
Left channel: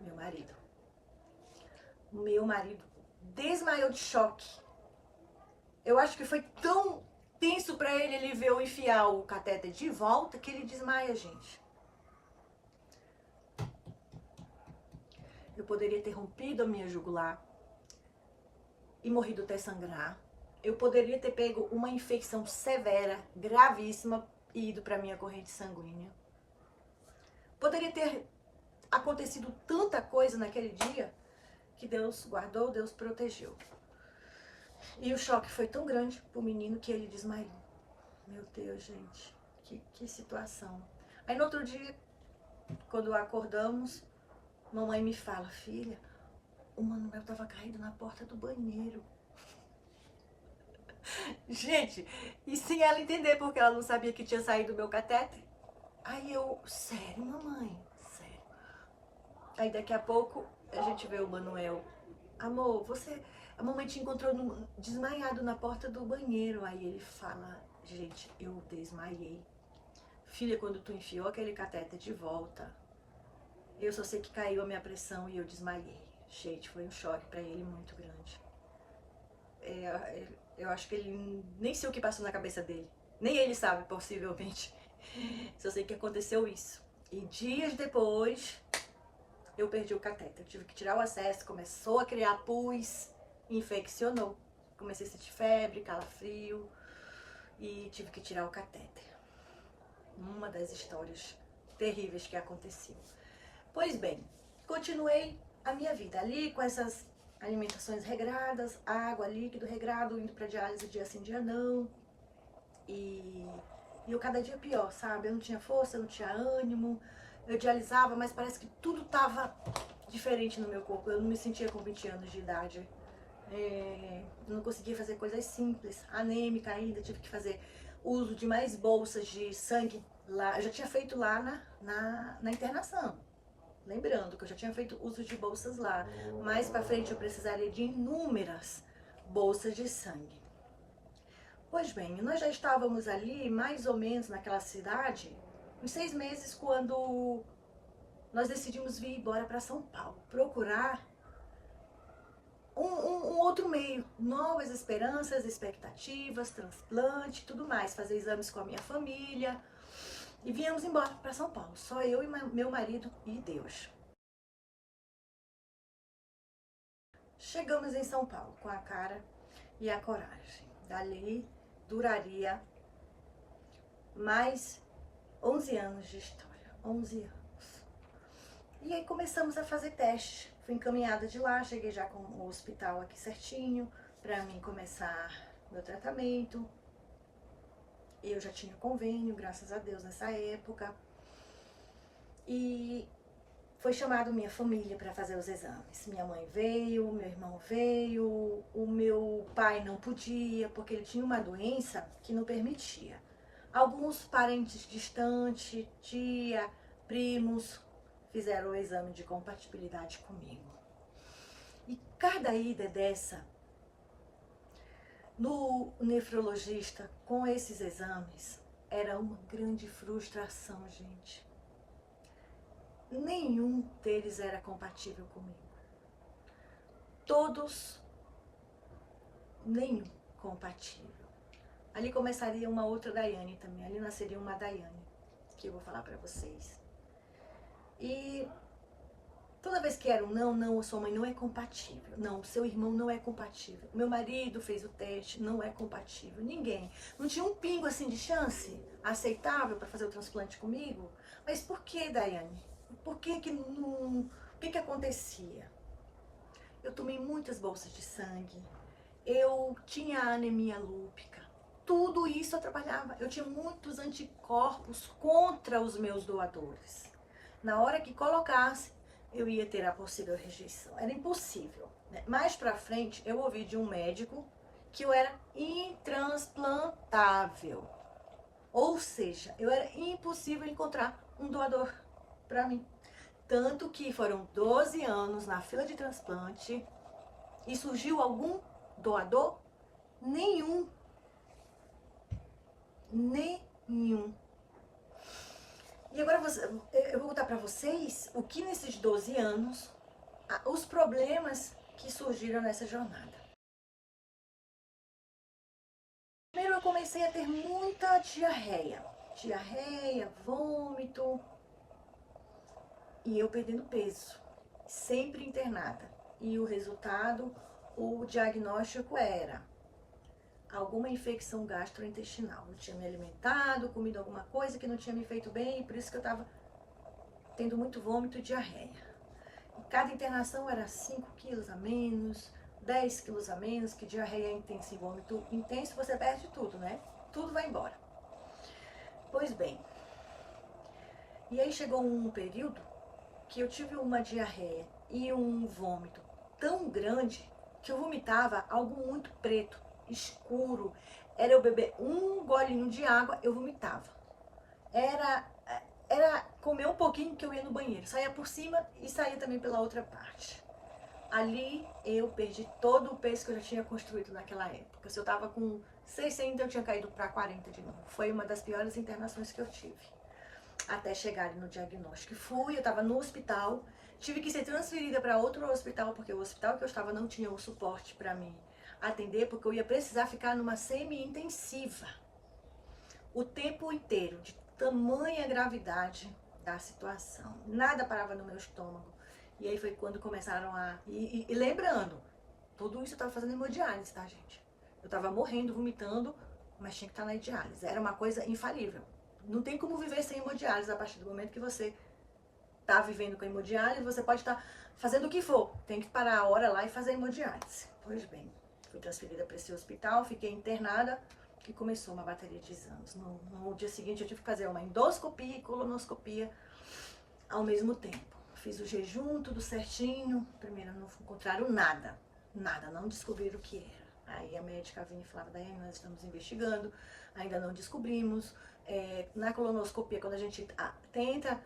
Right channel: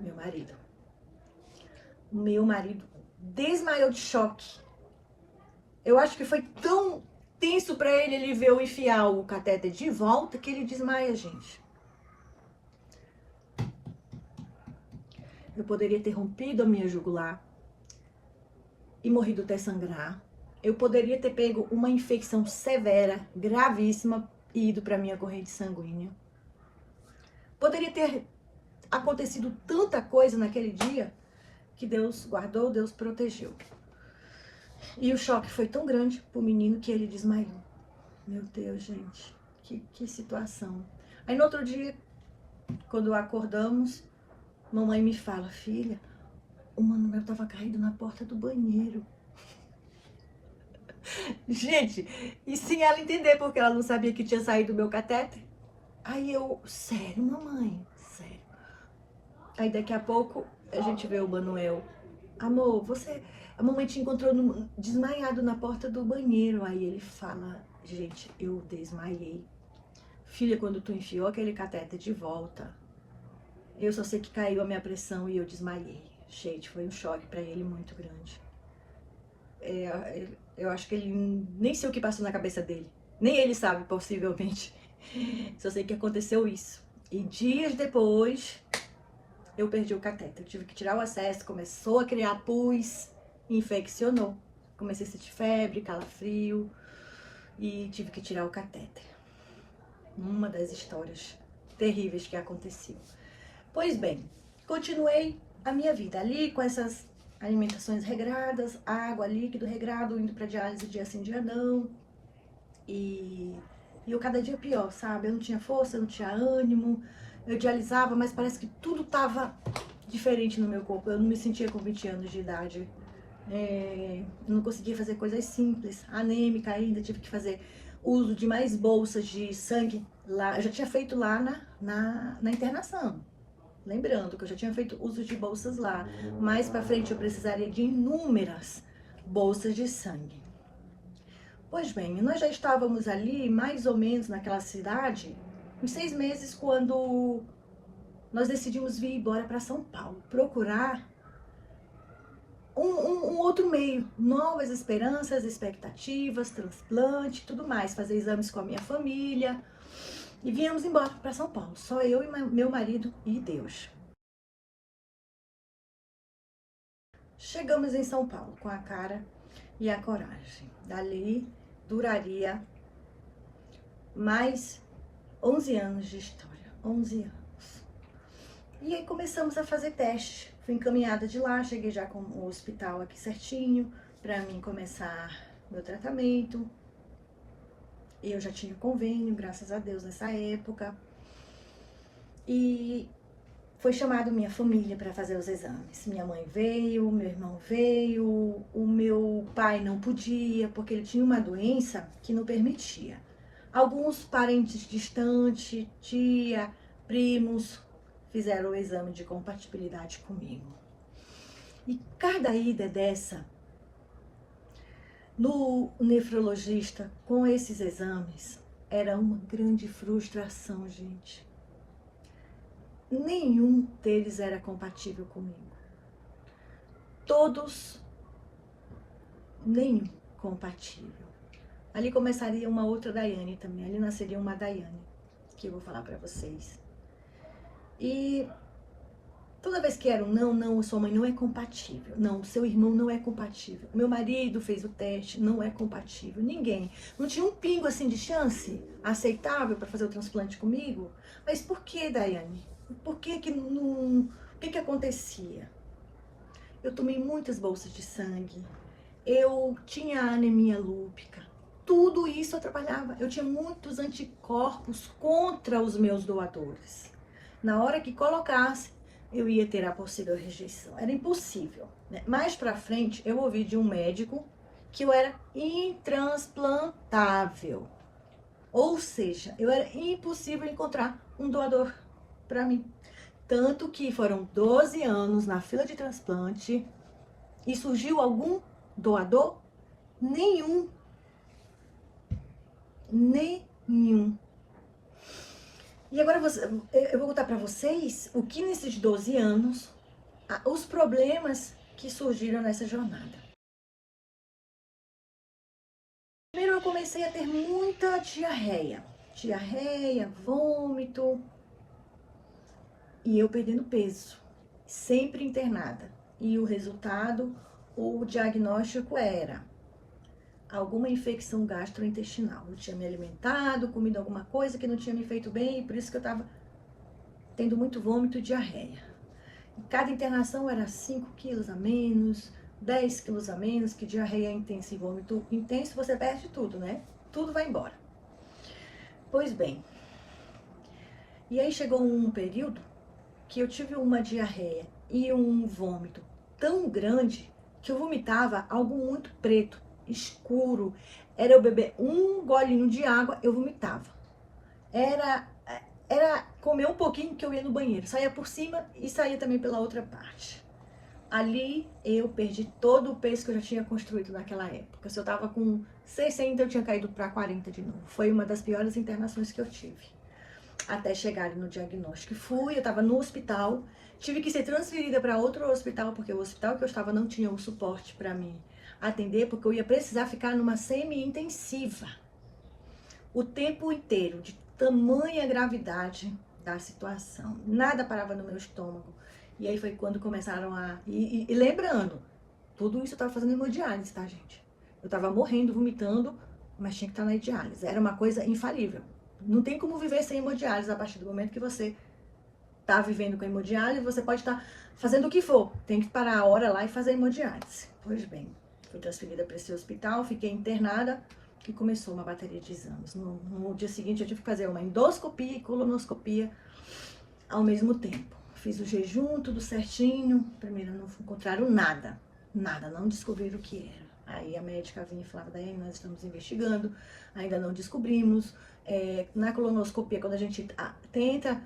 Meu marido. Meu marido desmaiou de choque. Eu acho que foi tão tenso para ele ver eu enfiar o catéter de volta que ele desmaia, gente. Eu poderia ter rompido a minha jugular e morrido até sangrar. Eu poderia ter pego uma infecção severa, gravíssima, e ido para minha corrente sanguínea. Poderia ter acontecido tanta coisa naquele dia que Deus guardou, Deus protegeu. E o choque foi tão grande pro menino que ele desmaiou. Meu Deus, gente, que situação. Aí no outro dia, quando acordamos, mamãe me fala, filha, o Manuel tava caído na porta do banheiro. Gente, e sem ela entender, porque ela não sabia que tinha saído o meu catéter. Aí eu, sério, mamãe? Sério. Aí daqui a pouco a gente vê o Manuel. Amor, a mamãe te encontrou desmaiado na porta do banheiro. Aí ele fala, gente, eu desmaiei. Filha, quando tu enfiou aquele catéter de volta, eu só sei que caiu a minha pressão e eu desmaiei. Gente, foi um choque pra ele muito grande. Eu acho que ele nem sei o que passou na cabeça dele. Nem ele sabe, possivelmente. Só sei que aconteceu isso. E dias depois, eu perdi o catéter. Eu tive que tirar o acesso, começou a criar pus, infeccionou. Comecei a sentir febre, calafrio e tive que tirar o catéter. Uma das histórias terríveis que aconteceu. Pois bem, continuei a minha vida ali com essas alimentações regradas, água, líquido regrado, indo para diálise dia sim, dia não. E eu cada dia pior, sabe? Eu não tinha força, eu não tinha ânimo. Eu dialisava, mas parece que tudo tava diferente no meu corpo. Eu não me sentia com 20 anos de idade. Eu não conseguia fazer coisas simples. Anêmica ainda, tive que fazer uso de mais bolsas de sangue lá. Eu já tinha feito lá na internação. Lembrando que eu já tinha feito uso de bolsas lá. Mais pra frente eu precisaria de inúmeras bolsas de sangue. Pois bem, nós já estávamos ali, mais ou menos naquela cidade, uns 6 meses, quando nós decidimos vir embora para São Paulo, procurar um outro meio, novas esperanças, expectativas, transplante, tudo mais, fazer exames com a minha família. E viemos embora para São Paulo, só eu e meu marido e Deus. Chegamos em São Paulo com a cara e a coragem. Dali duraria mais 11 anos de história, 11 anos. E aí começamos a fazer teste. Fui encaminhada de lá, cheguei já com o hospital aqui certinho, para mim começar meu tratamento. Eu já tinha convênio, graças a Deus, nessa época. E foi chamado minha família para fazer os exames. Minha mãe veio, meu irmão veio, o meu pai não podia, porque ele tinha uma doença que não permitia. Alguns parentes distantes, tia, primos, fizeram o exame de compatibilidade comigo. E cada ida dessa, no nefrologista, com esses exames, era uma grande frustração, gente. Nenhum deles era compatível comigo. Todos, nenhum compatível. Ali começaria uma outra Daiane também, ali nasceria uma Daiane, que eu vou falar pra vocês. E toda vez que era um não, sua mãe não é compatível, não, seu irmão não é compatível, meu marido fez o teste, não é compatível, ninguém. Não tinha um pingo assim de chance aceitável para fazer o transplante comigo. Mas por que, Daiane? Por que que não... O que que acontecia? Eu tomei muitas bolsas de sangue, eu tinha anemia lúpica, tudo isso atrapalhava. Eu tinha muitos anticorpos contra os meus doadores. Na hora que colocasse, eu ia ter a possível rejeição. Era impossível, né? Mais pra frente, eu ouvi de um médico que eu era intransplantável. Ou seja, eu era impossível encontrar um doador para mim. Tanto que foram 12 anos na fila de transplante e surgiu algum doador? Nenhum. Nenhum. E agora eu vou contar para vocês o que nesses 12 anos, os problemas que surgiram nessa jornada. Primeiro eu comecei a ter muita diarreia. Diarreia, vômito. E eu perdendo peso. Sempre internada. E o resultado, o diagnóstico era alguma infecção gastrointestinal. Eu tinha me alimentado, comido alguma coisa que não tinha me feito bem, e por isso que eu estava tendo muito vômito e diarreia. Cada internação era 5 quilos a menos, 10 quilos a menos, que diarreia intensa e vômito intenso, você perde tudo, né? Tudo vai embora. Pois bem, e aí chegou um período que eu tive uma diarreia e um vômito tão grande que eu vomitava algo muito preto, escuro. Era eu beber um golinho de água, eu vomitava. Era comer um pouquinho que eu ia no banheiro. Saía por cima e saía também pela outra parte. Ali eu perdi todo o peso que eu já tinha construído naquela época. Se eu tava com 60, eu tinha caído para 40 de novo. Foi uma das piores internações que eu tive. Até chegar no diagnóstico. Fui, eu estava no hospital, tive que ser transferida para outro hospital, porque o hospital que eu estava não tinha o suporte para me atender, porque eu ia precisar ficar numa semi-intensiva o tempo inteiro, de tamanha gravidade da situação. Nada parava no meu estômago. E aí foi quando começaram a... E lembrando, tudo isso eu estava fazendo hemodiálise, tá, gente? Eu estava morrendo, vomitando, mas tinha que estar na diálise. Era uma coisa infalível. Não tem como viver sem hemodiálise. A partir do momento que você tá vivendo com hemodiálise, você pode estar fazendo o que for. Tem que parar a hora lá e fazer hemodiálise. Pois bem, fui transferida para esse hospital, fiquei internada e começou uma bateria de exames. No dia seguinte eu tive que fazer uma endoscopia e colonoscopia ao mesmo tempo. Fiz o jejum, tudo certinho. Primeiro não encontraram nada. Nada, não descobriram o que era. Aí a médica vinha e falava, Daiane, nós estamos investigando, ainda não descobrimos. Na colonoscopia, quando a gente tenta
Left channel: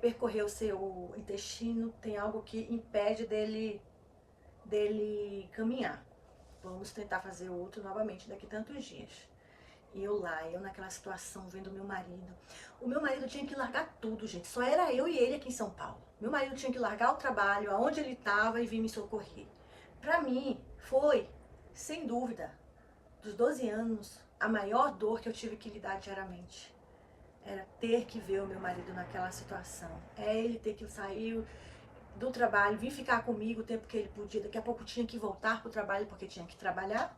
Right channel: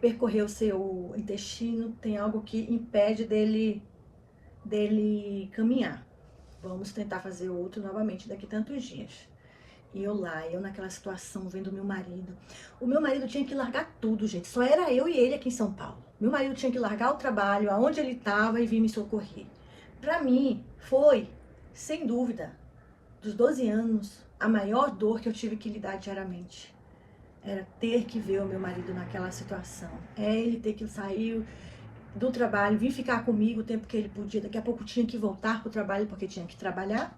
percorrer o seu intestino, tem algo que impede dele caminhar. Vamos tentar fazer outro novamente daqui a tantos dias. E eu naquela situação, vendo meu marido. O meu marido tinha que largar tudo, gente. Só era eu e ele aqui em São Paulo. Meu marido tinha que largar o trabalho, aonde ele estava, e vir me socorrer. Para mim, foi, sem dúvida, dos 12 anos, a maior dor que eu tive que lidar diariamente. Era ter que ver o meu marido naquela situação. Ele ter que sair do trabalho, vir ficar comigo o tempo que ele podia. Daqui a pouco tinha que voltar para o trabalho porque tinha que trabalhar.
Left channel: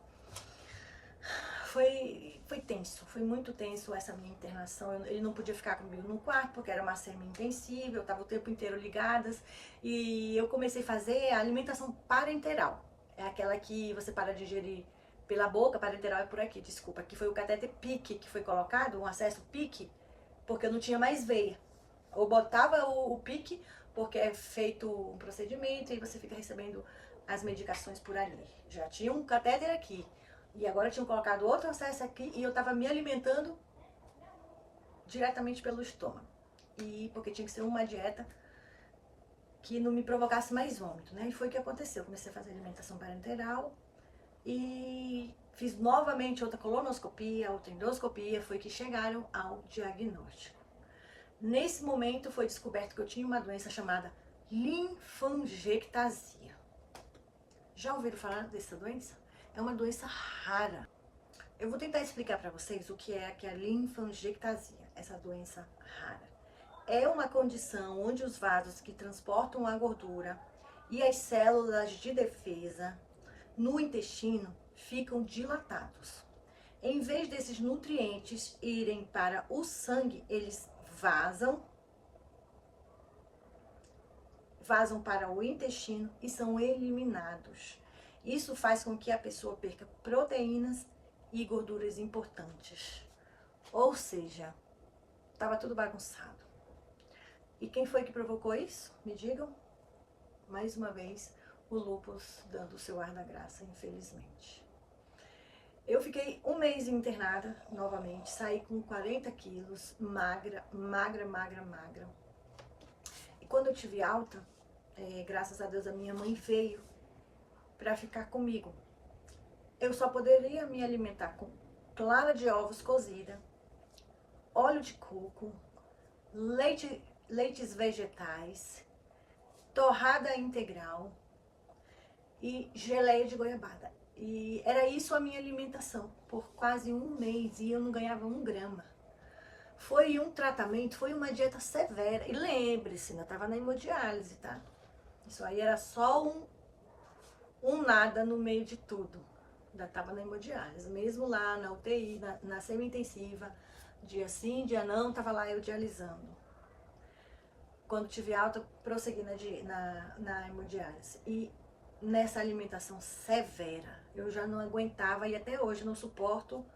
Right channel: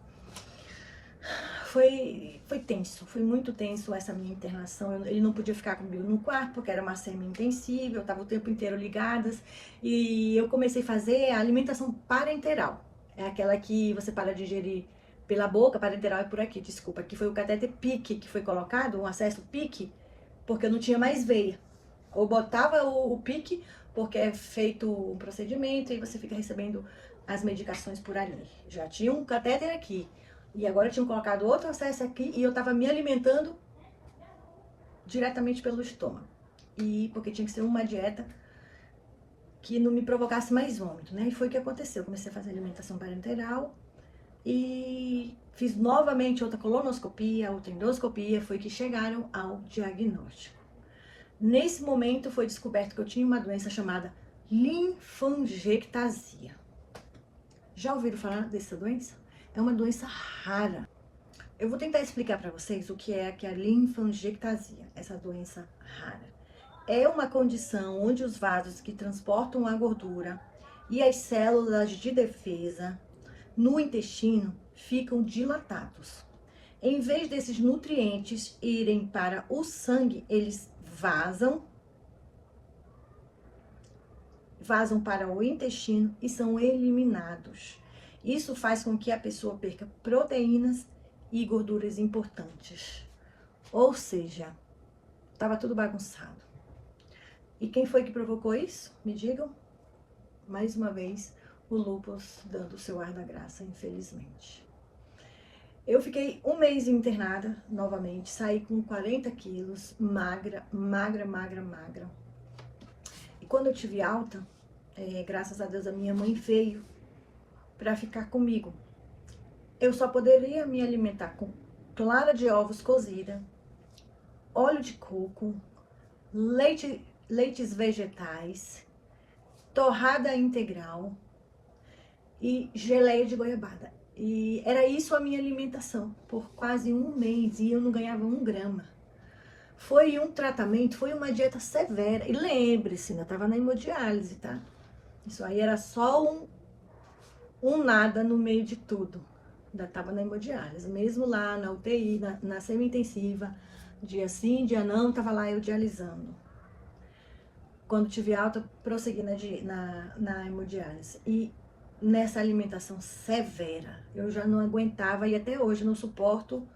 Foi tenso, foi muito tenso essa minha internação. Ele não podia ficar comigo no quarto porque era uma semi-intensiva, eu estava o tempo inteiro ligadas. E eu comecei a fazer a alimentação parenteral. É aquela que você para de digerir pela boca, parenteral é por aqui, desculpa. Aqui foi o catéter PICC que foi colocado, um acesso PICC, porque eu não tinha mais veia. Ou botava o PICC, porque é feito um procedimento e você fica recebendo as medicações por ali. Já tinha um catéter aqui. E agora tinham colocado outro acesso aqui e eu tava me alimentando diretamente pelo estômago. E porque tinha que ser uma dieta que não me provocasse mais vômito, né? E foi o que aconteceu. Eu comecei a fazer alimentação parenteral e fiz novamente outra colonoscopia, outra endoscopia, foi que chegaram ao diagnóstico. Nesse momento foi descoberto que eu tinha uma doença chamada linfangiectasia. Já ouviram falar dessa doença? É uma doença rara. Eu vou tentar explicar para vocês o que é a linfangiectasia, essa doença rara. É uma condição onde os vasos que transportam a gordura e as células de defesa no intestino ficam dilatados. Em vez desses nutrientes irem para o sangue, eles vazam para o intestino e são eliminados. Isso faz com que a pessoa perca proteínas e gorduras importantes. Ou seja, estava tudo bagunçado. E quem foi que provocou isso? Me digam. mais uma vez, o lúpus dando o seu ar da graça, infelizmente. Eu fiquei um mês internada novamente, saí com 40 quilos, magra, magra, magra, magra. E quando eu tive alta, graças a Deus a minha mãe veio para ficar comigo. Eu só poderia me alimentar com clara de ovos cozida, óleo de coco, leites vegetais, torrada integral e geleia de goiabada. E era isso a minha alimentação por quase um mês e eu não ganhava 1 grama. Foi um tratamento, foi uma dieta severa. E lembre-se, eu estava na hemodiálise, tá? Isso aí era só um nada no meio de tudo. Ainda estava na hemodiálise. Mesmo lá na UTI, na semi-intensiva, dia sim, dia não, estava lá eu dialisando. Quando tive alta, prossegui na hemodiálise. E nessa alimentação severa, eu já não aguentava e até hoje não suporto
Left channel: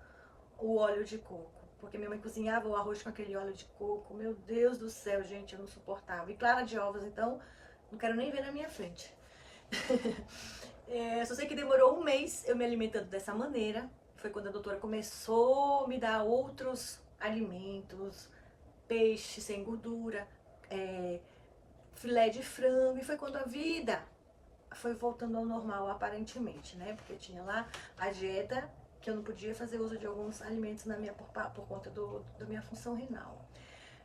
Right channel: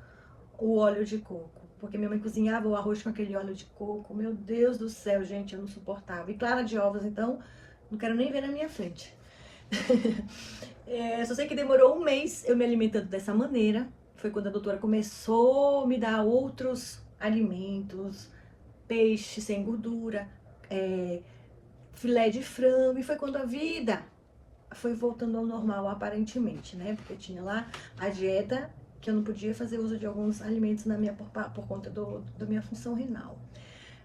o óleo de coco. Porque minha mãe cozinhava o arroz com aquele óleo de coco. Meu Deus do céu, gente, eu não suportava. E clara de ovos, então, não quero nem ver na minha frente. Só sei que demorou um mês eu me alimentando dessa maneira. Foi quando a doutora começou a me dar outros alimentos, peixe sem gordura, filé de frango. E foi quando a vida foi voltando ao normal, aparentemente, né? Porque tinha lá a dieta que eu não podia fazer uso de alguns alimentos por conta da minha função renal.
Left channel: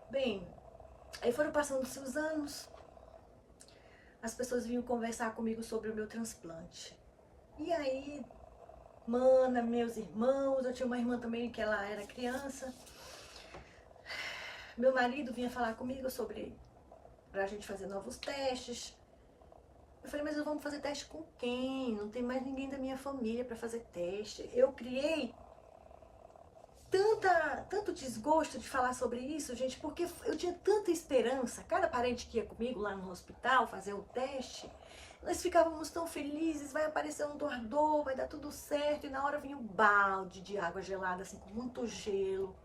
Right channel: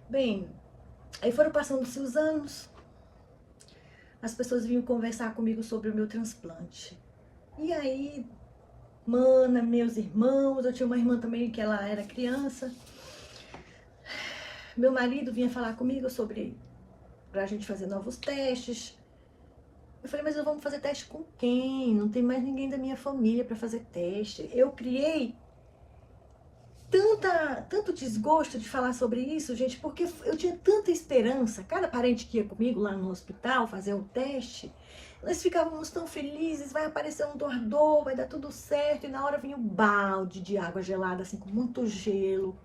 Bem, aí foram passando-se os anos, as pessoas vinham conversar comigo sobre o meu transplante. E aí, mana, meus irmãos, eu tinha uma irmã também que ela era criança. Meu marido vinha falar comigo pra gente fazer novos testes. Eu falei, mas vamos fazer teste com quem? Não tem mais ninguém da minha família para fazer teste. Eu criei tanto desgosto de falar sobre isso, gente, porque eu tinha tanta esperança. Cada parente que ia comigo lá no hospital fazer o teste, nós ficávamos tão felizes, vai aparecer um doador, vai dar tudo certo. E na hora vinha um balde de água gelada, assim, com muito gelo.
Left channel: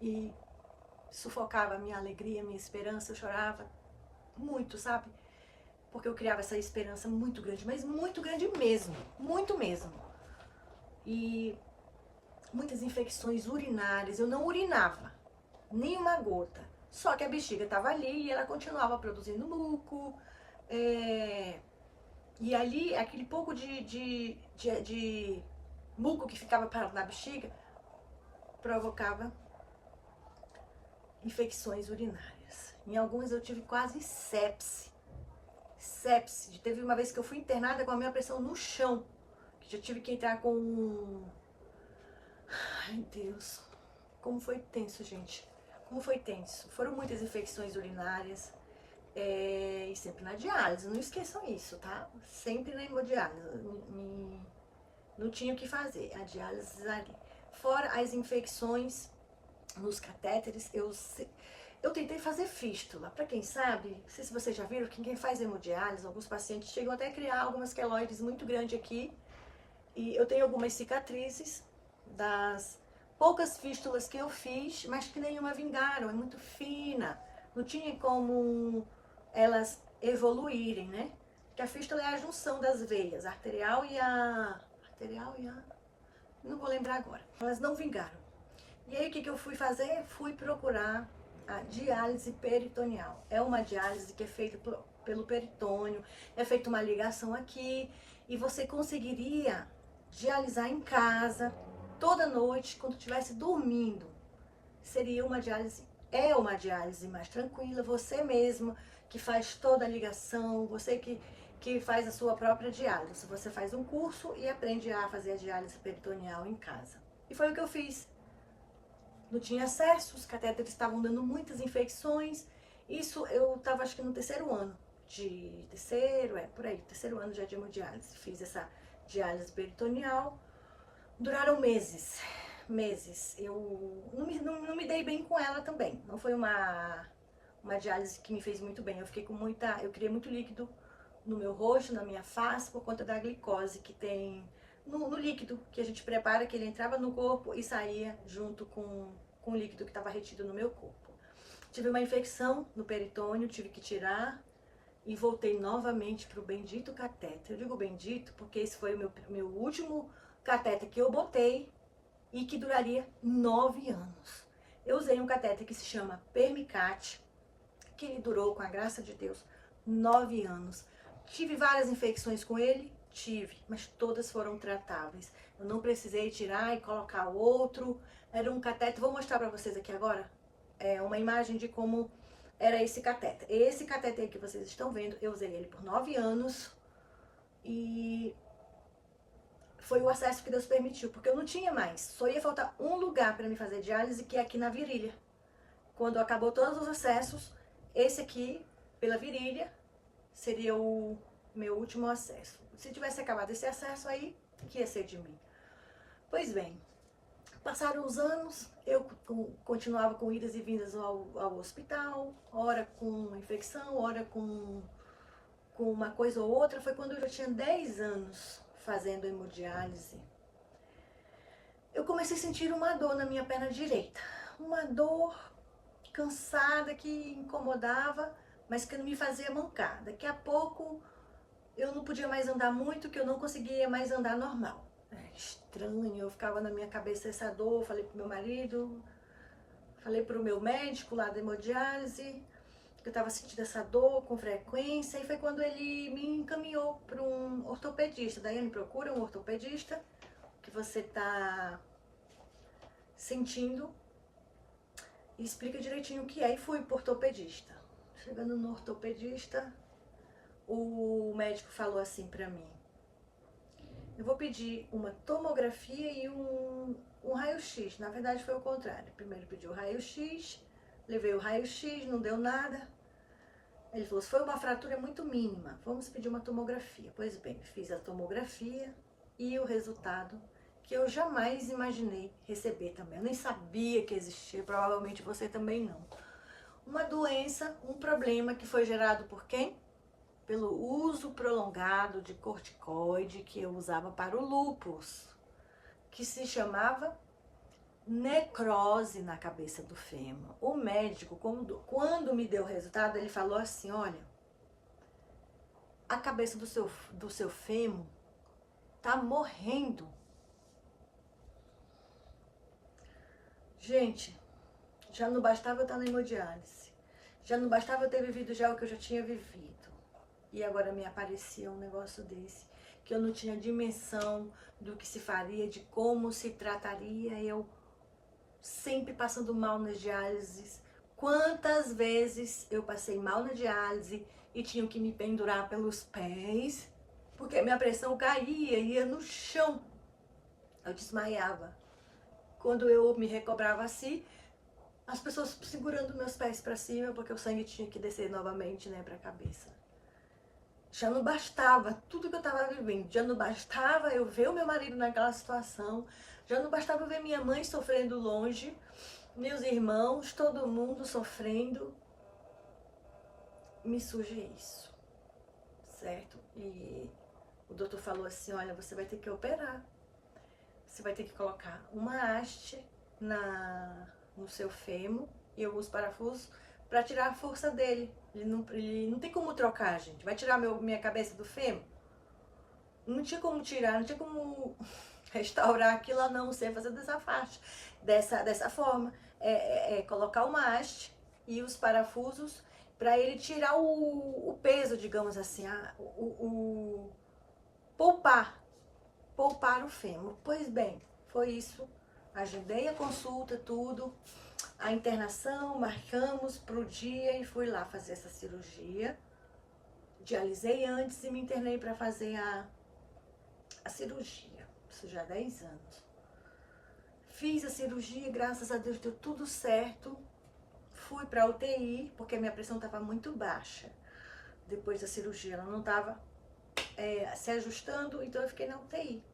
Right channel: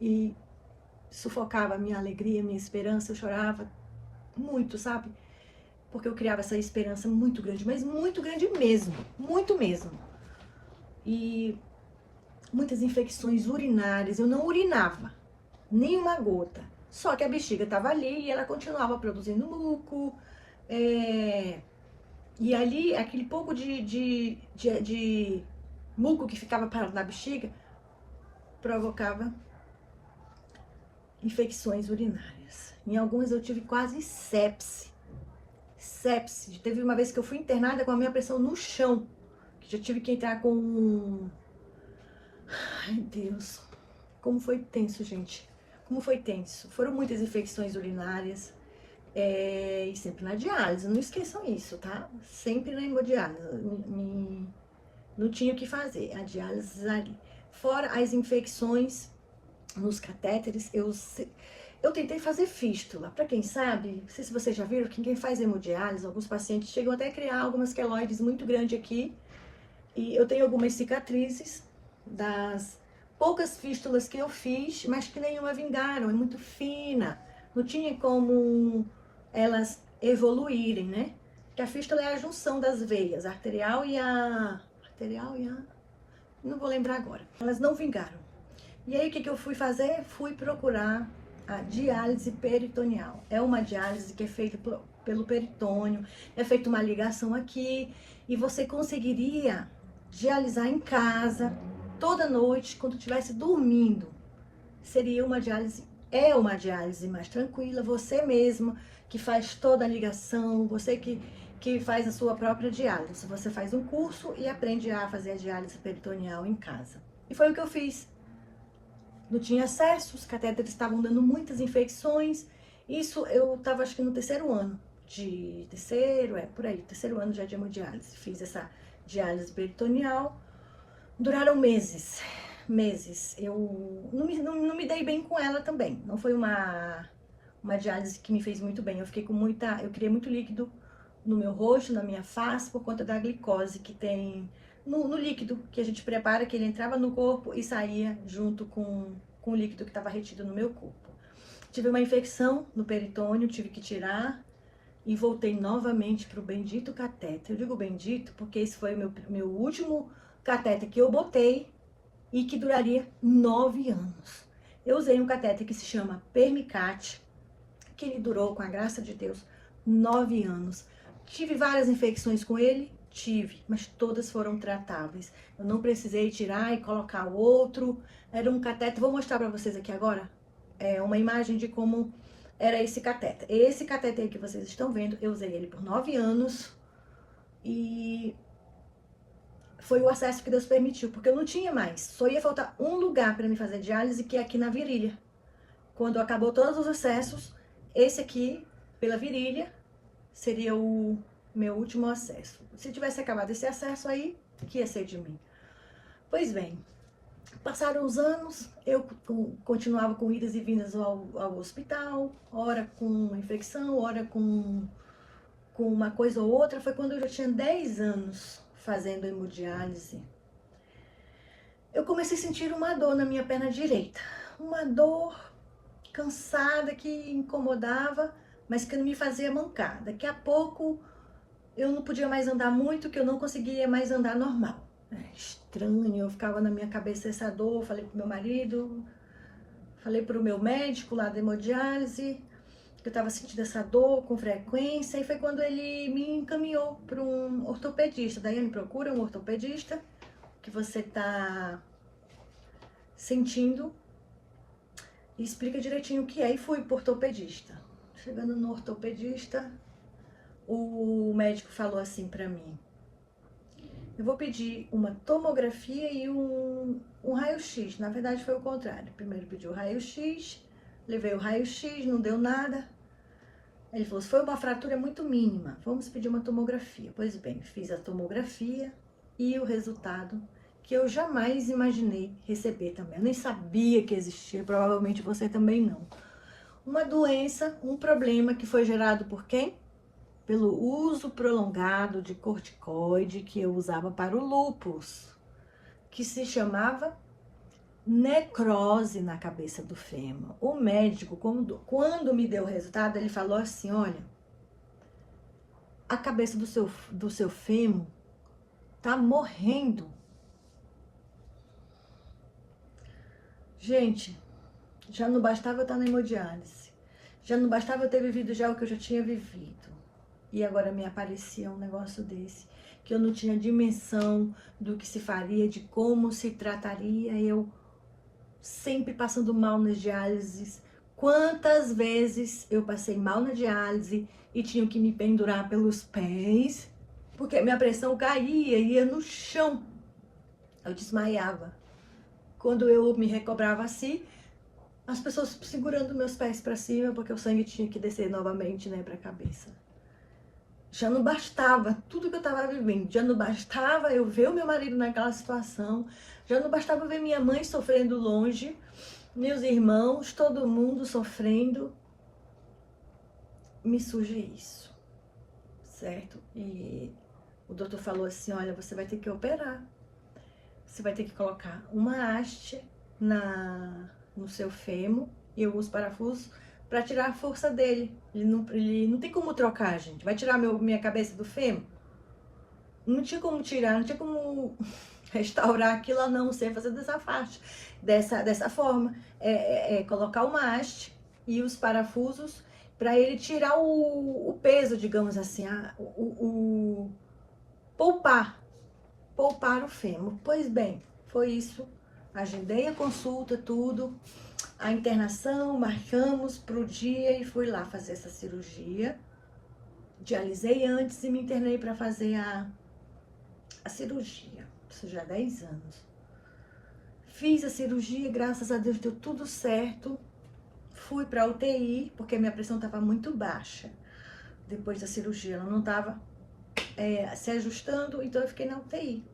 E sufocava a minha alegria, a minha esperança. Eu chorava muito, sabe? Porque eu criava essa esperança muito grande, mas muito grande mesmo, muito mesmo. E muitas infecções urinárias, eu não urinava, nem uma gota. Só que a bexiga estava ali e ela continuava produzindo muco. E ali, aquele pouco de muco que ficava parado na bexiga, provocava infecções urinárias. Em algumas eu tive quase sepse. Teve uma vez que eu fui internada com a minha pressão no chão, que já tive que entrar com... Ai, Deus, como foi tenso, gente, como foi tenso. Foram muitas infecções urinárias, e sempre na diálise, não esqueçam isso, tá? Sempre na hemodiálise, não tinha o que fazer, a diálise ali. Fora as infecções nos catéteres, eu tentei fazer fístula. Para quem sabe, não sei se vocês já viram, que quem faz hemodiálise, alguns pacientes chegam até a criar algumas queloides muito grandes aqui. E eu tenho algumas cicatrizes das poucas fístulas que eu fiz, mas que nenhuma vingaram, é muito fina. Não tinha como elas evoluírem, né? Porque a fístula é a junção das veias, a arterial e a... Não vou lembrar agora. Elas não vingaram. E aí, o que eu fui fazer? Fui procurar a diálise peritoneal. É uma diálise que é feita pelo peritônio, é feita uma ligação aqui, e você conseguiria dialisar em casa, toda noite, quando estivesse dormindo. Seria uma diálise, é uma diálise mais tranquila, você mesmo que faz toda a ligação, você que faz a sua própria diálise. Você faz um curso e aprende a fazer a diálise peritoneal em casa. E foi o que eu fiz. Não tinha acesso, os catéteres estavam dando muitas infecções. Isso eu estava, acho que no terceiro ano terceiro ano já de hemodiálise. Fiz essa diálise peritoneal. Duraram meses. Eu não me dei bem com ela também. Não foi uma diálise que me fez muito bem. Eu criei muito líquido no meu rosto, na minha face, por conta da glicose que tem no líquido que a gente prepara, que ele entrava no corpo e saía junto com o líquido que estava retido no meu corpo. Tive uma infecção no peritônio, tive que tirar, e voltei novamente para o bendito catéter. Eu digo bendito porque esse foi o meu último catéter que eu botei e que duraria 9 anos. Eu usei um catéter que se chama Permicate, que ele durou, com a graça de Deus, 9 anos. Tive várias infecções com ele? Tive, mas todas foram tratáveis. Eu não precisei tirar e colocar outro. Era um catéter, vou mostrar para vocês aqui agora, uma imagem de como era esse catéter. Esse catéter aí que vocês estão vendo, eu usei ele por 9 anos e foi o acesso que Deus permitiu, porque eu não tinha mais. Só ia faltar um lugar para me fazer diálise, que é aqui na virilha. Quando acabou todos os acessos, esse aqui, pela virilha, seria o meu último acesso. Se tivesse acabado esse acesso aí, que ia ser de mim? Pois bem, passaram os anos, eu continuava com idas e vindas ao hospital, ora com infecção, ora com uma coisa ou outra. Foi quando eu já tinha 10 anos fazendo hemodiálise. Eu comecei a sentir uma dor na minha perna direita. Uma dor cansada que incomodava, mas que não me fazia mancar. Daqui a pouco eu não podia mais andar muito, que eu não conseguia mais andar normal. Estranho, eu ficava na minha cabeça essa dor. Falei pro meu marido, falei pro meu médico lá da hemodiálise, que eu estava sentindo essa dor com frequência, e foi quando ele me encaminhou para um ortopedista. Daiane, procura um ortopedista que você está sentindo e explica direitinho o que é. E fui pro ortopedista. Chegando no ortopedista, o médico falou assim para mim: eu vou pedir uma tomografia e um raio-x. Na verdade foi o contrário. Primeiro pediu o raio-x, levei o raio-x, não deu nada. Ele falou: foi uma fratura muito mínima, vamos pedir uma tomografia. Pois bem, fiz a tomografia e o resultado, que eu jamais imaginei receber também. Eu nem sabia que existia, provavelmente você também não. Uma doença, um problema que foi gerado por quem? Pelo uso prolongado de corticoide que eu usava para o lúpus, que se chamava necrose na cabeça do fêmur. O médico, quando me deu o resultado, ele falou assim: olha, a cabeça do seu fêmur tá morrendo. Gente, já não bastava eu estar na hemodiálise, já não bastava eu ter vivido já o que eu já tinha vivido, e agora me aparecia um negócio desse, que eu não tinha dimensão do que se faria, de como se trataria. Eu sempre passando mal nas diálises. Quantas vezes eu passei mal na diálise e tinha que me pendurar pelos pés, porque minha pressão caía, ia no chão, eu desmaiava. Quando eu me recobrava assim, as pessoas segurando meus pés para cima, porque o sangue tinha que descer novamente, né, para a cabeça. Já não bastava tudo que eu estava vivendo, já não bastava eu ver o meu marido naquela situação, já não bastava ver minha mãe sofrendo longe, meus irmãos, todo mundo sofrendo. Me surge isso, certo? E o doutor falou assim: olha, você vai ter que operar, você vai ter que colocar uma haste no seu fêmur e alguns parafusos para tirar a força dele. Ele não tem como trocar, gente. Vai tirar minha cabeça do fêmur? Não tinha como tirar, não tinha como restaurar aquilo, a não ser fazer dessa faixa, dessa forma. Colocar uma haste e os parafusos para ele tirar o peso, digamos assim, poupar o fêmur. Pois bem, foi isso. Agendei a consulta, tudo, a internação, marcamos para o dia e fui lá fazer essa cirurgia. Dialisei antes e me internei para fazer a cirurgia. Isso já há 10 anos. Fiz a cirurgia, graças a Deus deu tudo certo. Fui para a UTI, porque a minha pressão estava muito baixa. Depois da cirurgia, ela não estava se ajustando, então eu fiquei na UTI.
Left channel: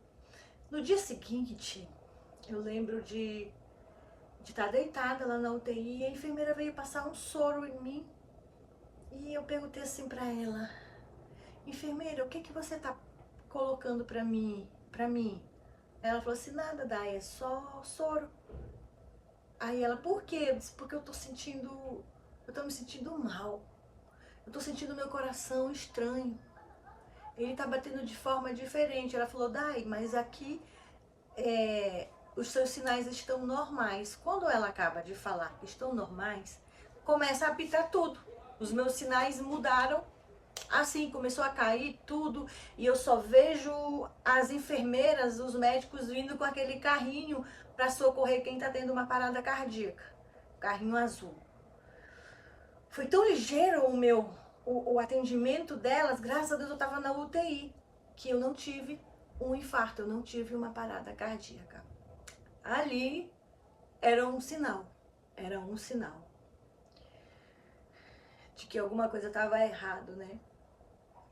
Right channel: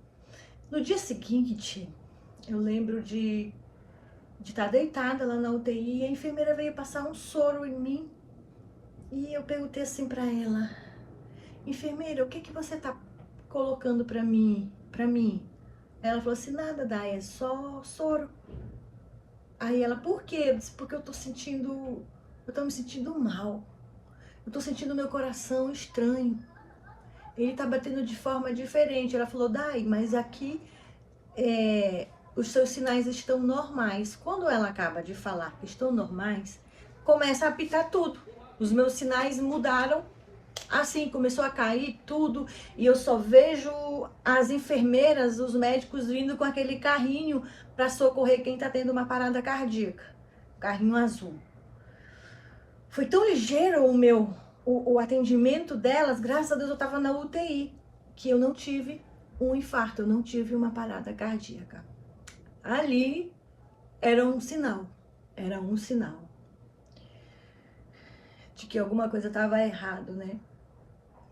No dia seguinte, eu lembro de estar deitada lá na UTI, e a enfermeira veio passar um soro em mim. E eu perguntei assim para ela: enfermeira, o que que você tá colocando para mim? Ela falou assim: nada, Dai, é só soro. Aí ela: por quê? Eu disse: porque eu tô me sentindo mal. eu tô sentindo meu coração estranho. Ele tá batendo de forma diferente. Ela falou, Dai, mas aqui os seus sinais estão normais. Quando ela acaba de falar que estão normais, começa a apitar tudo. Os meus sinais mudaram. Assim, começou a cair tudo, e eu só vejo as enfermeiras, os médicos vindo com aquele carrinho para socorrer quem tá tendo uma parada cardíaca. Carrinho azul. Foi tão ligeiro o atendimento delas, graças a Deus eu tava na UTI, que eu não tive um infarto, eu não tive uma parada cardíaca. Ali era um sinal de que alguma coisa estava errado, né?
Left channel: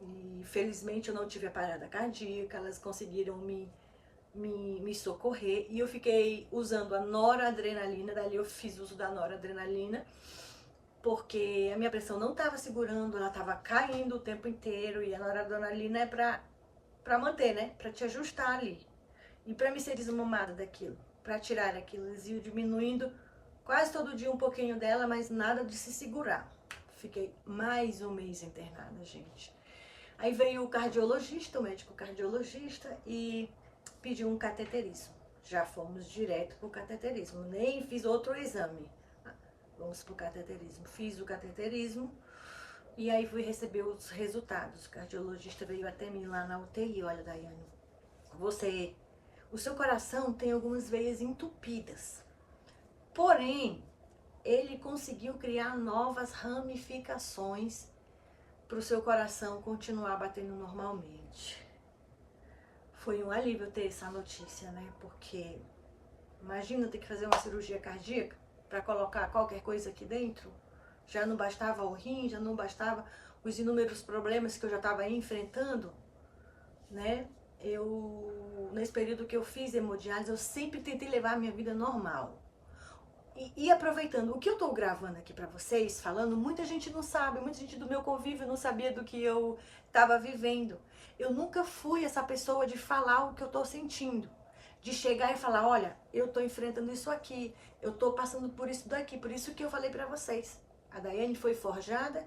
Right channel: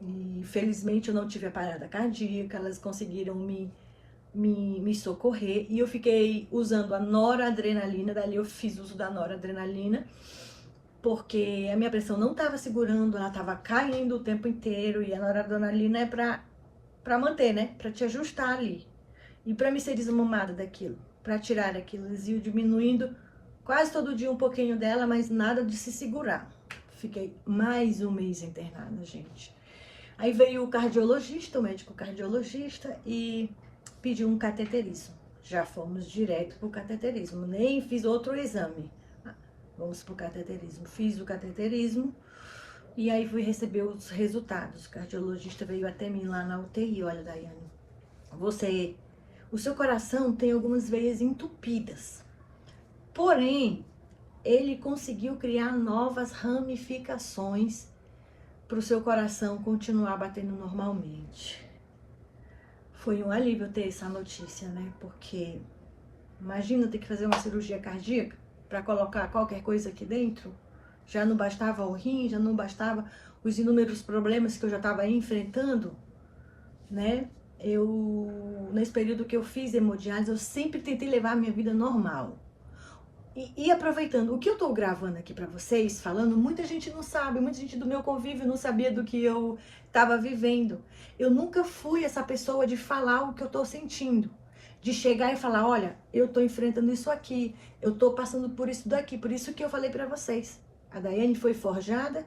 E felizmente eu não tive a parada cardíaca, elas conseguiram me socorrer, e eu fiquei usando a noradrenalina. Dali eu fiz uso da noradrenalina, porque a minha pressão não estava segurando, ela estava caindo o tempo inteiro, e a noradrenalina é para manter, né? Para te ajustar ali. E para me ser desmamada daquilo, para tirar aquilo, eles iam diminuindo quase todo dia um pouquinho dela, mas nada de se segurar. Fiquei mais um mês internada, gente. Aí veio o cardiologista, o médico cardiologista, e pediu um cateterismo. Já fomos direto para o cateterismo, nem fiz outro exame. Vamos para o cateterismo. Fiz o cateterismo e aí fui receber os resultados. O cardiologista veio até mim lá na UTI. Olha, Daiane, o seu coração tem algumas veias entupidas. Porém, ele conseguiu criar novas ramificações para o seu coração continuar batendo normalmente. Foi um alívio ter essa notícia, né? Porque imagina ter que fazer uma cirurgia cardíaca para colocar qualquer coisa aqui dentro. Já não bastava o rim, já não bastava os inúmeros problemas que eu já estava enfrentando, né? Nesse período que eu fiz hemodiálise, eu sempre tentei levar a minha vida normal. E aproveitando, o que eu tô gravando aqui pra vocês, falando, muita gente não sabe, muita gente do meu convívio não sabia do que eu tava vivendo. Eu nunca fui essa pessoa de falar o que eu tô sentindo, de chegar e falar, olha, eu tô enfrentando isso aqui, eu tô passando por isso daqui, por isso que eu falei pra vocês. A Daiane foi forjada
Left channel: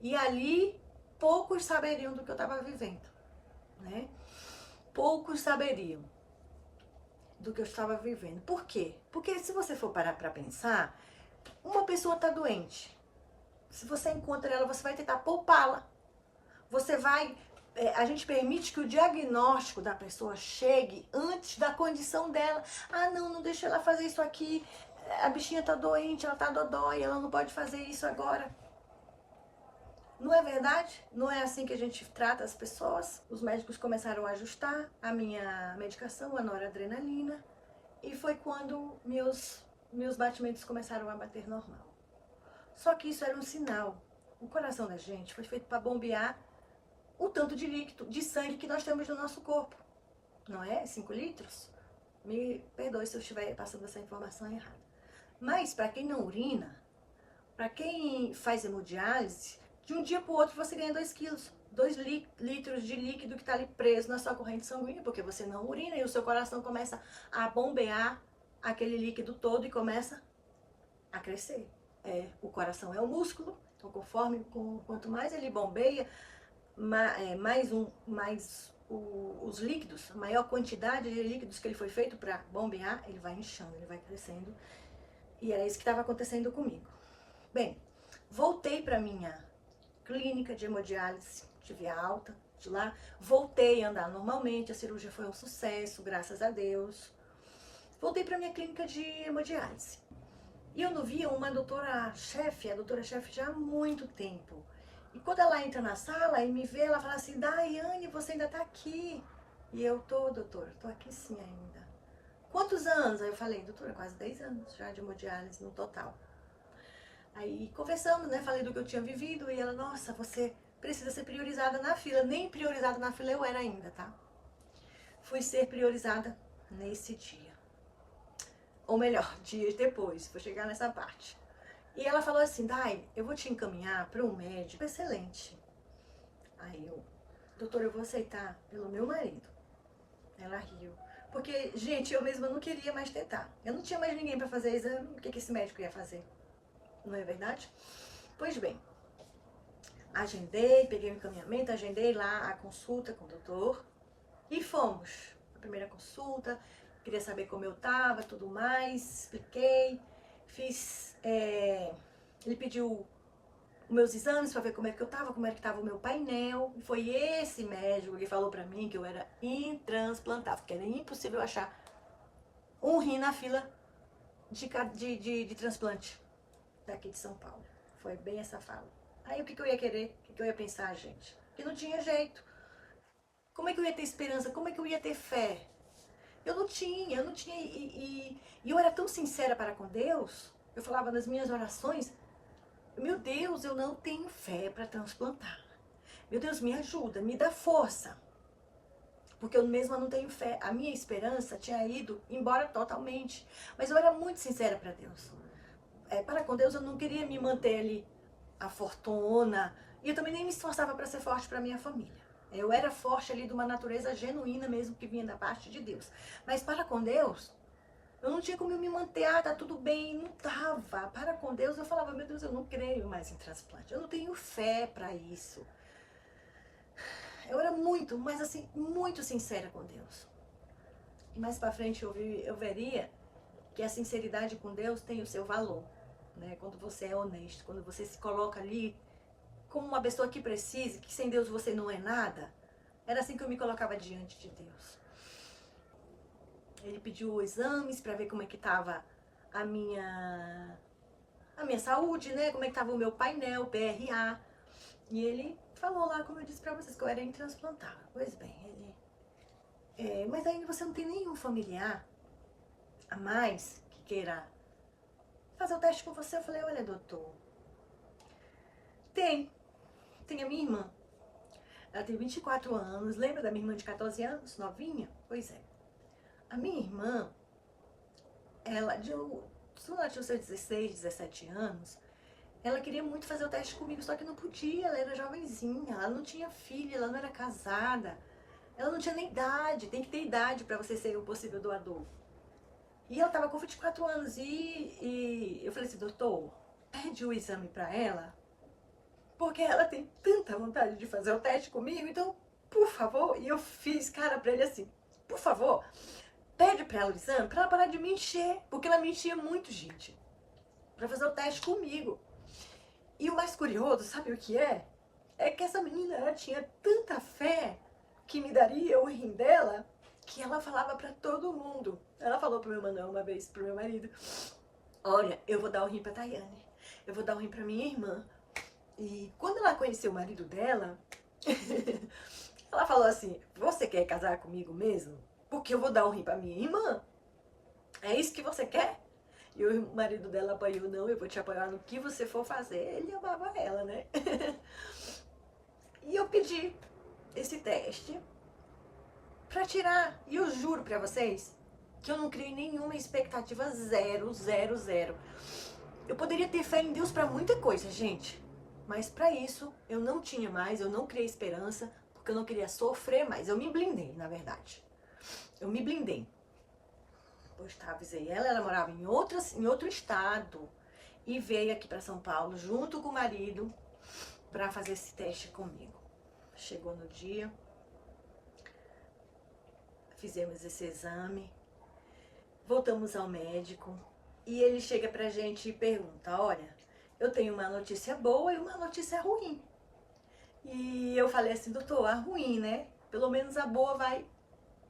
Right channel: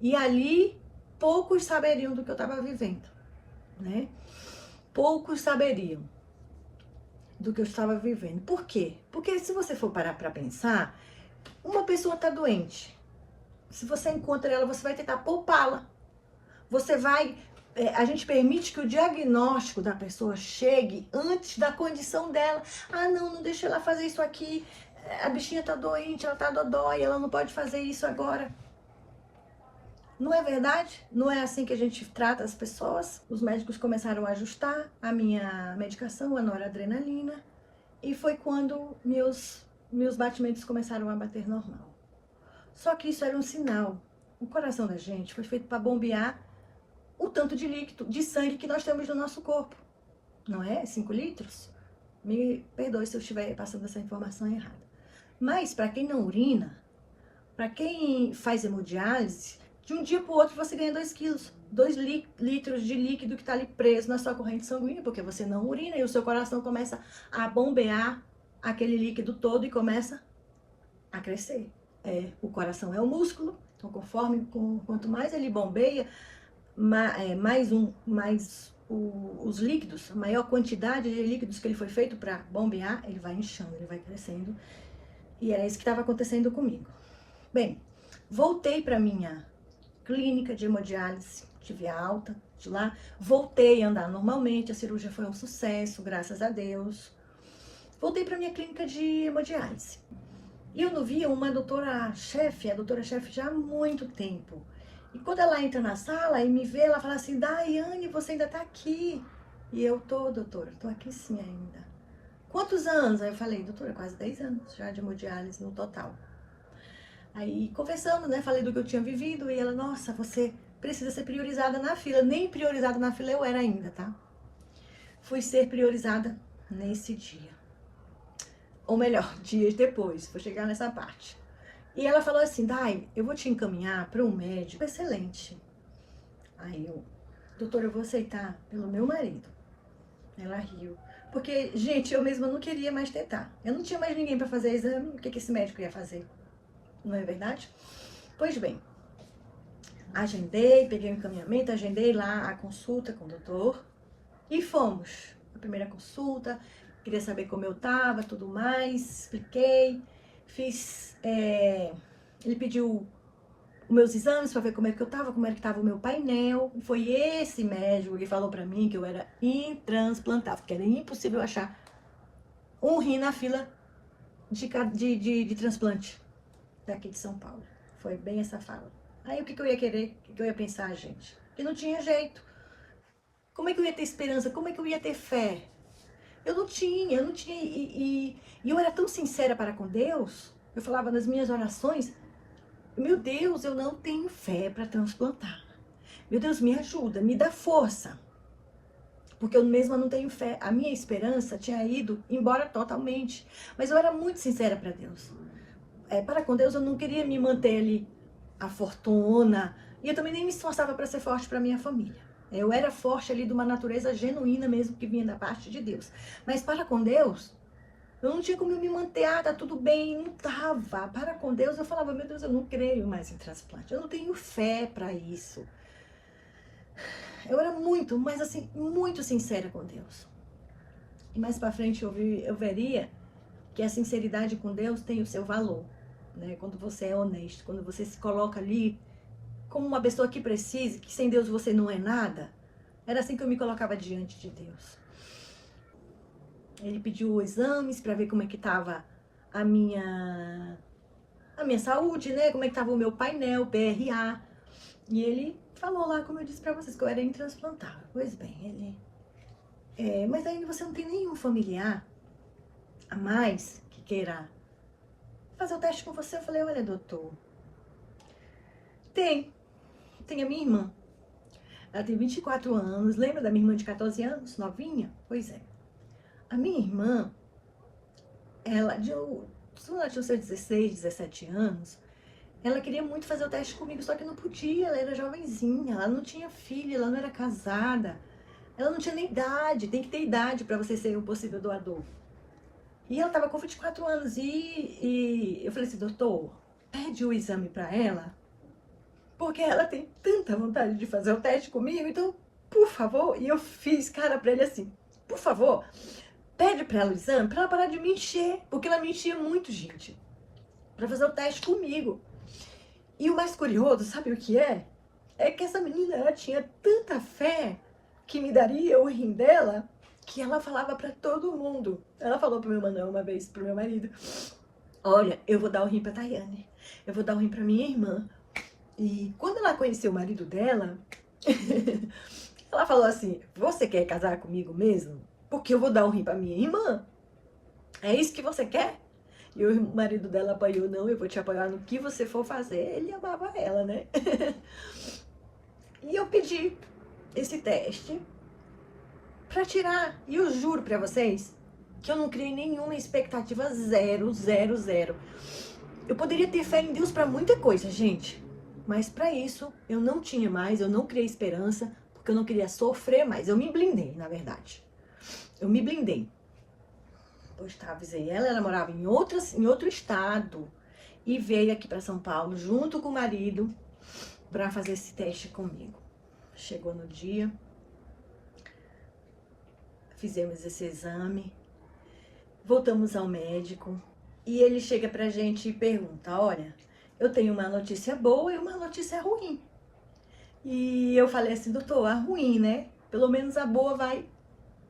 e ali poucos saberiam do que eu tava vivendo, né? Poucos saberiam do que eu estava vivendo. Por quê? Porque se você for parar para pensar, uma pessoa está doente. Se você encontra ela, você vai tentar poupá-la. Você vai... a gente permite que o diagnóstico da pessoa chegue antes da condição dela. Ah, não deixa ela fazer isso aqui. A bichinha tá doente, ela tá dodói, ela não pode fazer isso agora. Não é verdade? Não é assim que a gente trata as pessoas? Os médicos começaram a ajustar a minha medicação, a noradrenalina, e foi quando meus batimentos começaram a bater normal. Só que isso era um sinal. O coração da gente foi feito para bombear o tanto de líquido, de sangue que nós temos no nosso corpo. Não é? 5 litros? Me perdoe se eu estiver passando essa informação errada. Mas para quem não urina, para quem faz hemodiálise, de um dia para o outro você ganha 2 quilos, 2 litros de líquido que está ali preso na sua corrente sanguínea, porque você não urina e o seu coração começa a bombear aquele líquido todo e começa a crescer. O coração é o músculo, então quanto mais ele bombeia, os líquidos, a maior quantidade de líquidos que ele foi feito para bombear, ele vai inchando, ele vai crescendo. E era isso que estava acontecendo comigo. Bem, voltei para minha clínica de hemodiálise, tive a alta de lá, voltei a andar normalmente, a cirurgia foi um sucesso, graças a Deus. Voltei para minha clínica de hemodiálise. E eu não via uma doutora-chefe, a doutora-chefe já há muito tempo. E quando ela entra na sala e me vê, ela fala assim, Daiane, você ainda tá aqui. E eu tô, doutora, tô aqui sim ainda. Quantos anos? Aí eu falei, doutora, quase 10 anos já de hemodiálise no total. Aí conversamos, né, falei do que eu tinha vivido e ela, nossa, você precisa ser priorizada na fila. Nem priorizada na fila eu era ainda, tá? Fui ser priorizada nesse dia. Ou melhor, dias depois, vou chegar nessa parte. E ela falou assim, Dai, eu vou te encaminhar para um médico excelente. Aí eu, doutora, eu vou aceitar pelo meu marido. Ela riu. Porque, gente, eu mesma não queria mais tentar. Eu não tinha mais ninguém para fazer exame. O que esse médico ia fazer? Não é verdade? Pois bem, Agendei, peguei o encaminhamento, agendei lá a consulta com o doutor e fomos. A primeira consulta, queria saber como eu tava, tudo mais, expliquei, fiz, ele pediu os meus exames para ver como é que eu tava, como era que tava o meu painel. E foi esse médico que falou para mim que eu era intransplantável, que era impossível achar um rim na fila de transplante daqui de São Paulo. Foi bem essa fala. Aí o que eu ia querer? O que eu ia pensar, gente? Que não tinha jeito. Como é que eu ia ter esperança? Como é que eu ia ter fé? Eu não tinha. E eu era tão sincera para com Deus. Eu falava nas minhas orações, meu Deus, eu não tenho fé para transplantar. Meu Deus, me ajuda, me dá força. Porque eu mesma não tenho fé. A minha esperança tinha ido embora totalmente. Mas eu era muito sincera para Deus. Para com Deus, eu não queria me manter ali a fortuna. E eu também nem me esforçava para ser forte para minha família. Eu era forte ali de uma natureza genuína mesmo, que vinha da parte de Deus. Mas para com Deus, eu não tinha como eu me manter, tá tudo bem, não tava. Para com Deus, eu falava, meu Deus, eu não creio mais em transplante. Eu não tenho fé para isso. Eu era muito, mas assim, muito sincera com Deus. E mais para frente eu veria que a sinceridade com Deus tem o seu valor, né? Quando você é honesto, quando você se coloca ali como uma pessoa que precisa, que sem Deus você não é nada. Era assim que eu me colocava diante de Deus. Ele pediu exames para ver como é que estava a minha saúde, né? Como é que estava o meu painel, PRA. E ele falou lá, como eu disse para vocês, que eu era intransplantável. Pois bem, mas ainda você não tem nenhum familiar a mais que queira fazer o teste com você. Eu falei, olha, doutor, tem a minha irmã. Ela tem 24 anos. Lembra da minha irmã de 14 anos, novinha? Pois é. A minha irmã, quando ela tinha seus 16, 17 anos, ela queria muito fazer o teste comigo, só que não podia, ela era jovenzinha, ela não tinha filho, ela não era casada, ela não tinha nem idade, tem que ter idade para você ser um possível doador. E ela estava com 24 anos e eu falei assim, doutor, pede o exame para ela, porque ela tem tanta vontade de fazer o teste comigo, então, por favor, e eu fiz cara para ele assim, por favor, pede para ela o exame, para ela parar de me encher, porque ela me enchia muito, gente, para fazer o teste comigo. E o mais curioso, sabe o que é? É que essa menina, ela tinha tanta fé que me daria o rim dela, que ela falava para todo mundo. Ela falou pro meu Manuel uma vez, pro meu marido, olha, eu vou dar o rim pra Tayane, eu vou dar o rim pra minha irmã. E quando ela conheceu o marido dela, ela falou assim, você quer casar comigo mesmo? Porque eu vou dar o rim pra minha irmã. É isso que você quer? E o marido dela apoiou, não, eu vou te apoiar no que você for fazer. Ele amava ela, né? E eu pedi esse teste pra tirar. E eu juro pra vocês que eu não criei nenhuma expectativa, zero, zero, zero. Eu poderia ter fé em Deus pra muita coisa, gente. Mas pra isso, eu não tinha mais, eu não criei esperança, porque eu não queria sofrer mais. Eu me blindei, na verdade. Eu me blindei. Pois tá, avisei ela morava em outro estado e veio aqui para São Paulo junto com o marido para fazer esse teste comigo. Chegou no dia, fizemos esse exame, voltamos ao médico e ele chega pra gente e pergunta, olha, eu tenho uma notícia boa e uma notícia ruim. E eu falei assim, doutor, a ruim, né? Pelo menos a boa vai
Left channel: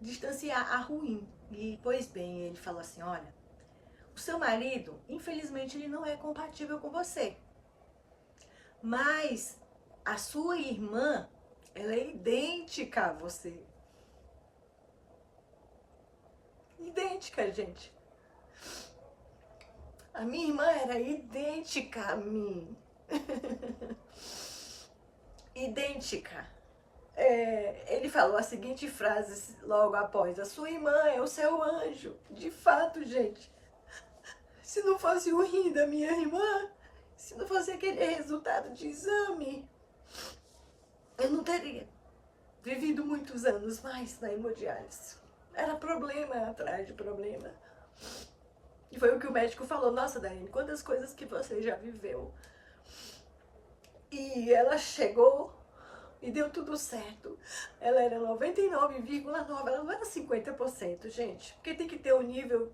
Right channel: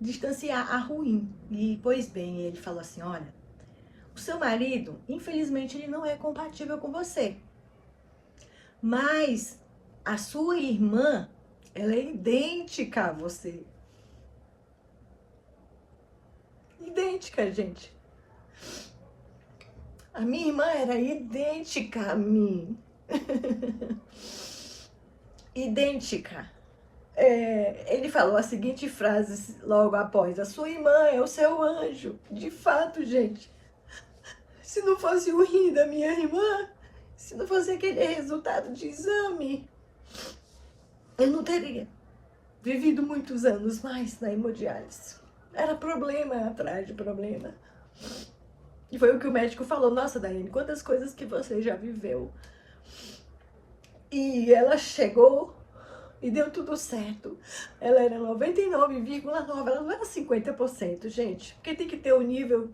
distanciar a ruim. E, pois bem, ele falou assim, olha, o seu marido, infelizmente, ele não é compatível com você. Mas a sua irmã, ela é idêntica a você. Idêntica, gente. A minha irmã era idêntica a mim. Idêntica. Ele falou a seguinte frase logo após, a sua irmã é o seu anjo. De fato, gente, se não fosse o rim da minha irmã, se não fosse aquele resultado de exame, eu não teria vivido muitos anos mais na hemodiálise. Era problema atrás de problema. E foi o que o médico falou, nossa, Daiane, quantas coisas que você já viveu. E ela chegou e deu tudo certo. Ela era 99,9%, ela não era 50%, gente. Porque tem que ter o nível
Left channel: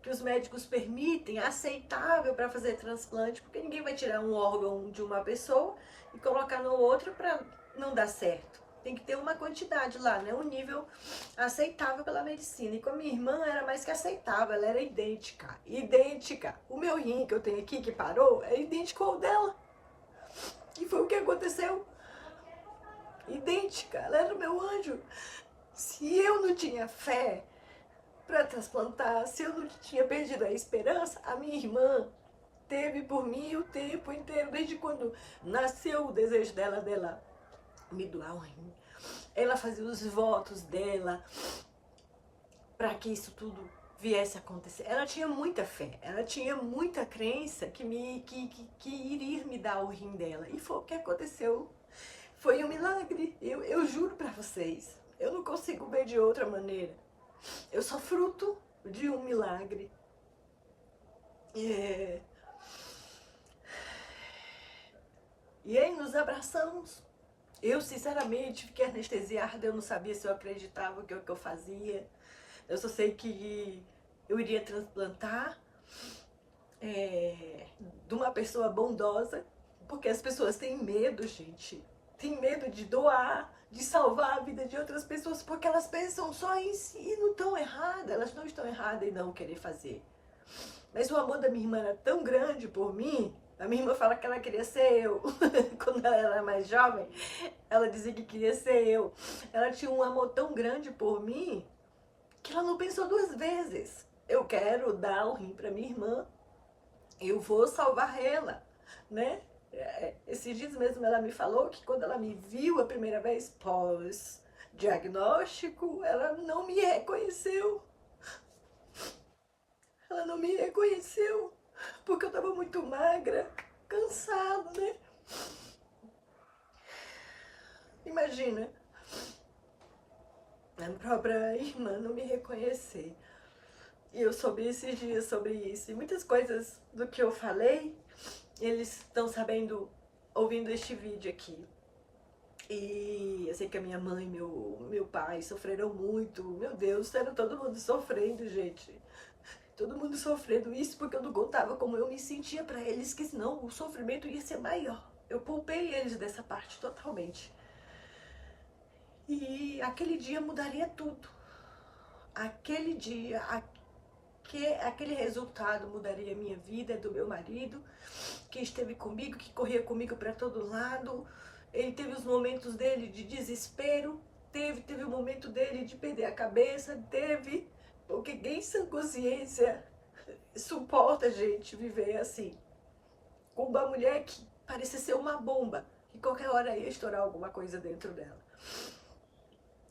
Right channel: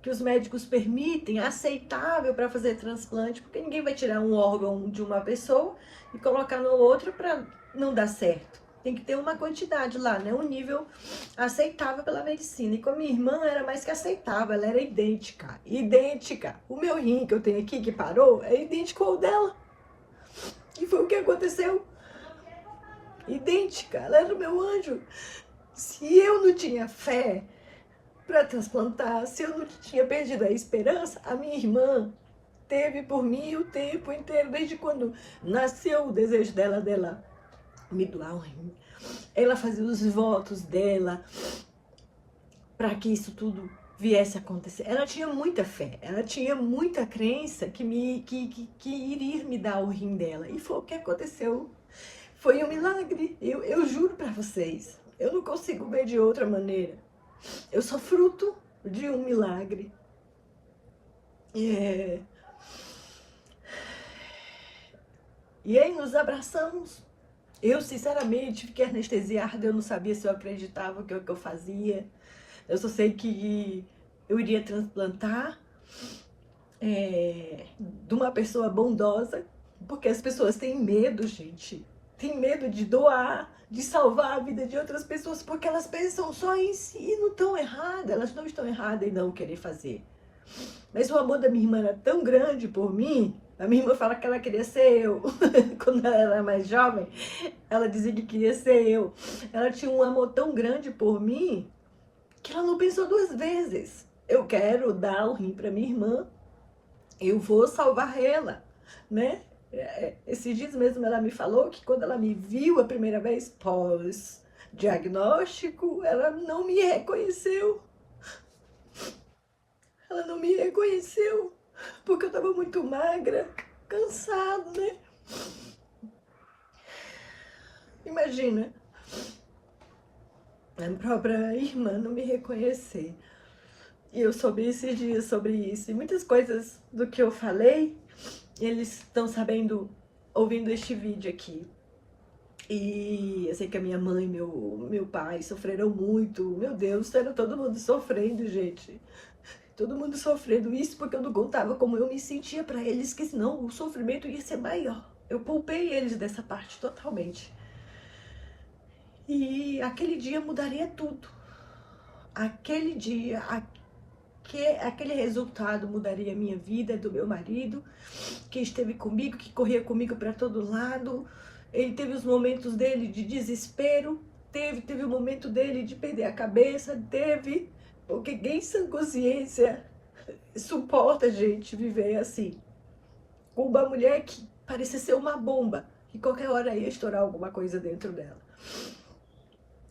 que os médicos permitem, aceitável para fazer transplante, porque ninguém vai tirar um órgão de uma pessoa e colocar no outro para não dar certo. Tem que ter uma quantidade lá, né? Um nível aceitável pela medicina. E com a minha irmã era mais que aceitável, ela era idêntica. Idêntica. O meu rim que eu tenho aqui, que parou, é idêntico ao dela. E foi o que aconteceu. Idêntica. Ela era o meu anjo. Se eu não tinha fé para transplantar, se eu não tinha perdido a esperança, a minha irmã teve por mim o tempo inteiro, desde quando nasceu o desejo dela me doar um rim. Ela fazia os votos dela para que isso tudo viesse a acontecer. Ela tinha muita fé, ela tinha muita crença que iria me dar o rim dela. E foi o que aconteceu. Foi um milagre. Eu juro para vocês. Eu não consigo ver de outra maneira. Eu sou fruto de um milagre. E aí nos abraçamos. Eu, sinceramente, fiquei anestesiada. Eu não sabia se eu acreditava que é o que eu fazia. Eu só sei que eu iria transplantar de uma pessoa bondosa. Porque as pessoas têm medo, gente. Tem medo de doar, de salvar a vida de outras pessoas, porque elas pensam só em si e não estão erradas. Elas não estão erradas em não querer fazer. Mas o amor da minha irmã era tão grande por mim. A minha irmã fala que ela queria ser eu. Quando ela era mais jovem, ela dizia que queria ser eu. Ela tinha um amor tão grande por mim que ela não pensou duas vezes. Eu quero dar o rim para minha irmã. Eu vou salvar ela, né? Esses dias mesmo ela me falou que quando ela me viu a primeira vez pós-diagnóstico, ela não me reconheceu. Ela não me reconheceu, porque eu estava muito magra, cansada, né? Imagina, a própria irmã não me reconhecer. E eu soube esses dias sobre isso. E muitas coisas do que eu falei, eles estão sabendo, ouvindo este vídeo aqui. E eu sei que a minha mãe e meu pai sofreram muito. Meu Deus, era todo mundo sofrendo, gente. Todo mundo sofrendo isso porque eu não contava como eu me sentia para eles, que senão o sofrimento ia ser maior. Eu poupei eles dessa parte totalmente. E aquele dia mudaria tudo. Aquele dia, aquele resultado mudaria a minha vida, do meu marido, que esteve comigo, que corria comigo para todo lado. Ele teve os momentos dele de desespero, teve o momento dele de perder a cabeça, porque quem sem consciência suporta, gente, viver assim, com uma mulher que parecia ser uma bomba, que qualquer hora ia estourar alguma coisa dentro dela.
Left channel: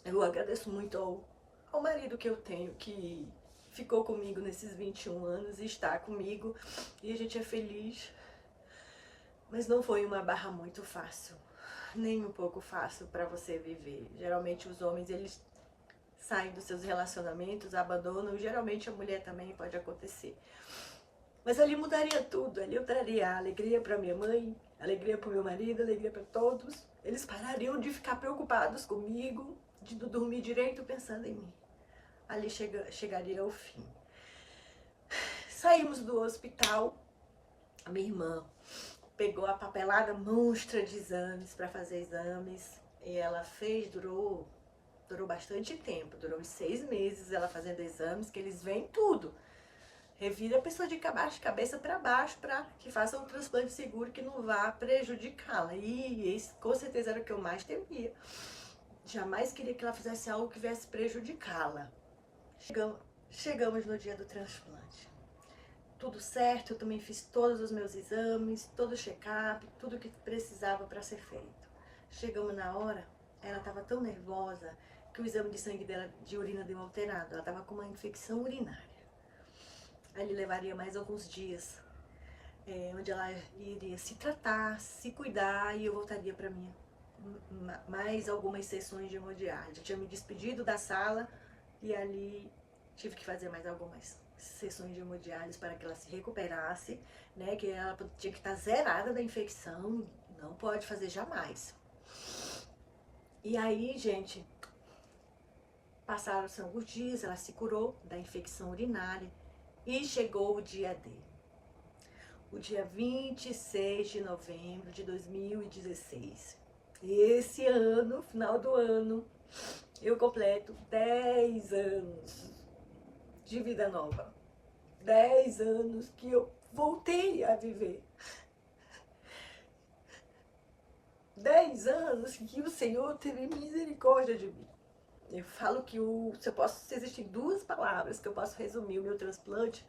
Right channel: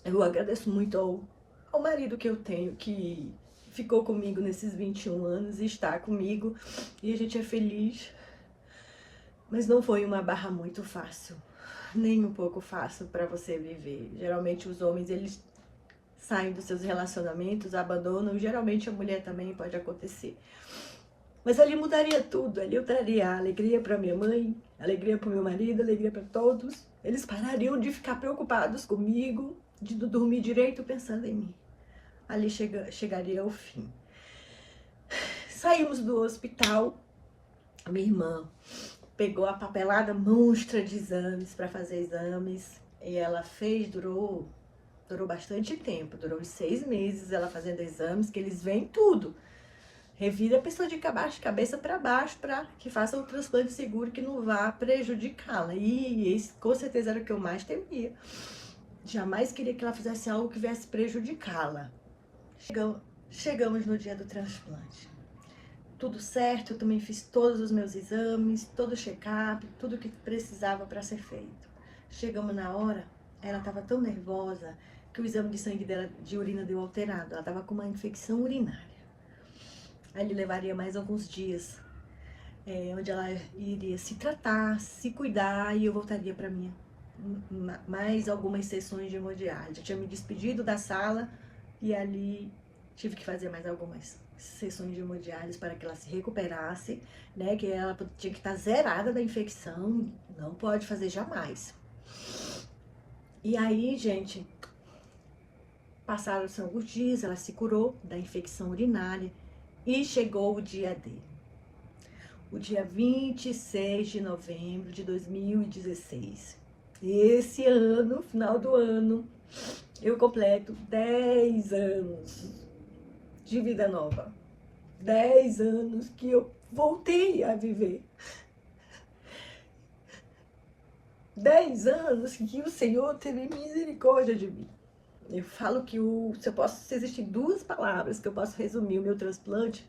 Eu agradeço muito ao marido que eu tenho, que ficou comigo nesses 21 anos e está comigo, e a gente é feliz. Mas não foi uma barra muito fácil, nem um pouco fácil para você viver. Geralmente os homens, eles saem dos seus relacionamentos, abandonam, e geralmente a mulher também pode acontecer. Mas ali mudaria tudo, ali eu traria alegria para minha mãe, alegria para o meu marido, alegria para todos. Eles parariam de ficar preocupados comigo, de não dormir direito pensando em mim. Ali chegaria ao fim. Saímos do hospital, a minha irmã pegou a papelada monstra de exames para fazer exames, e ela fez, durou bastante tempo, durou uns 6 meses ela fazendo exames, que eles veem tudo. Revira a pessoa de cabeça para baixo, para que faça um transplante seguro que não vá prejudicá-la. E esse, com certeza, era o que eu mais temia. Jamais queria que ela fizesse algo que viesse prejudicá-la. Chegamos no dia do transplante. Tudo certo, eu também fiz todos os meus exames, todo o check-up, tudo que precisava para ser feito. Chegamos na hora, ela estava tão nervosa que o exame de sangue dela, de urina, deu alterado. Ela estava com uma infecção urinária. Aí levaria mais alguns dias, onde ela iria se tratar, se cuidar, e eu voltaria para mim mais algumas sessões de hemodiálise. Eu tinha me despedido da sala e ali tive que fazer mais algumas sessões de hemodiálise para que ela se recuperasse, né? Que ela tinha que estar zerada da infecção, não pode fazer jamais. E aí, gente, passaram-se alguns dias, ela se curou da infecção urinária e chegou o dia D. O dia 26 de novembro de 2016. Esse ano, final do ano, eu completo 10 anos de vida nova. 10 anos que eu voltei a viver. 10 anos que o Senhor teve misericórdia de mim. Eu falo que se existem duas palavras que eu posso resumir o meu transplante,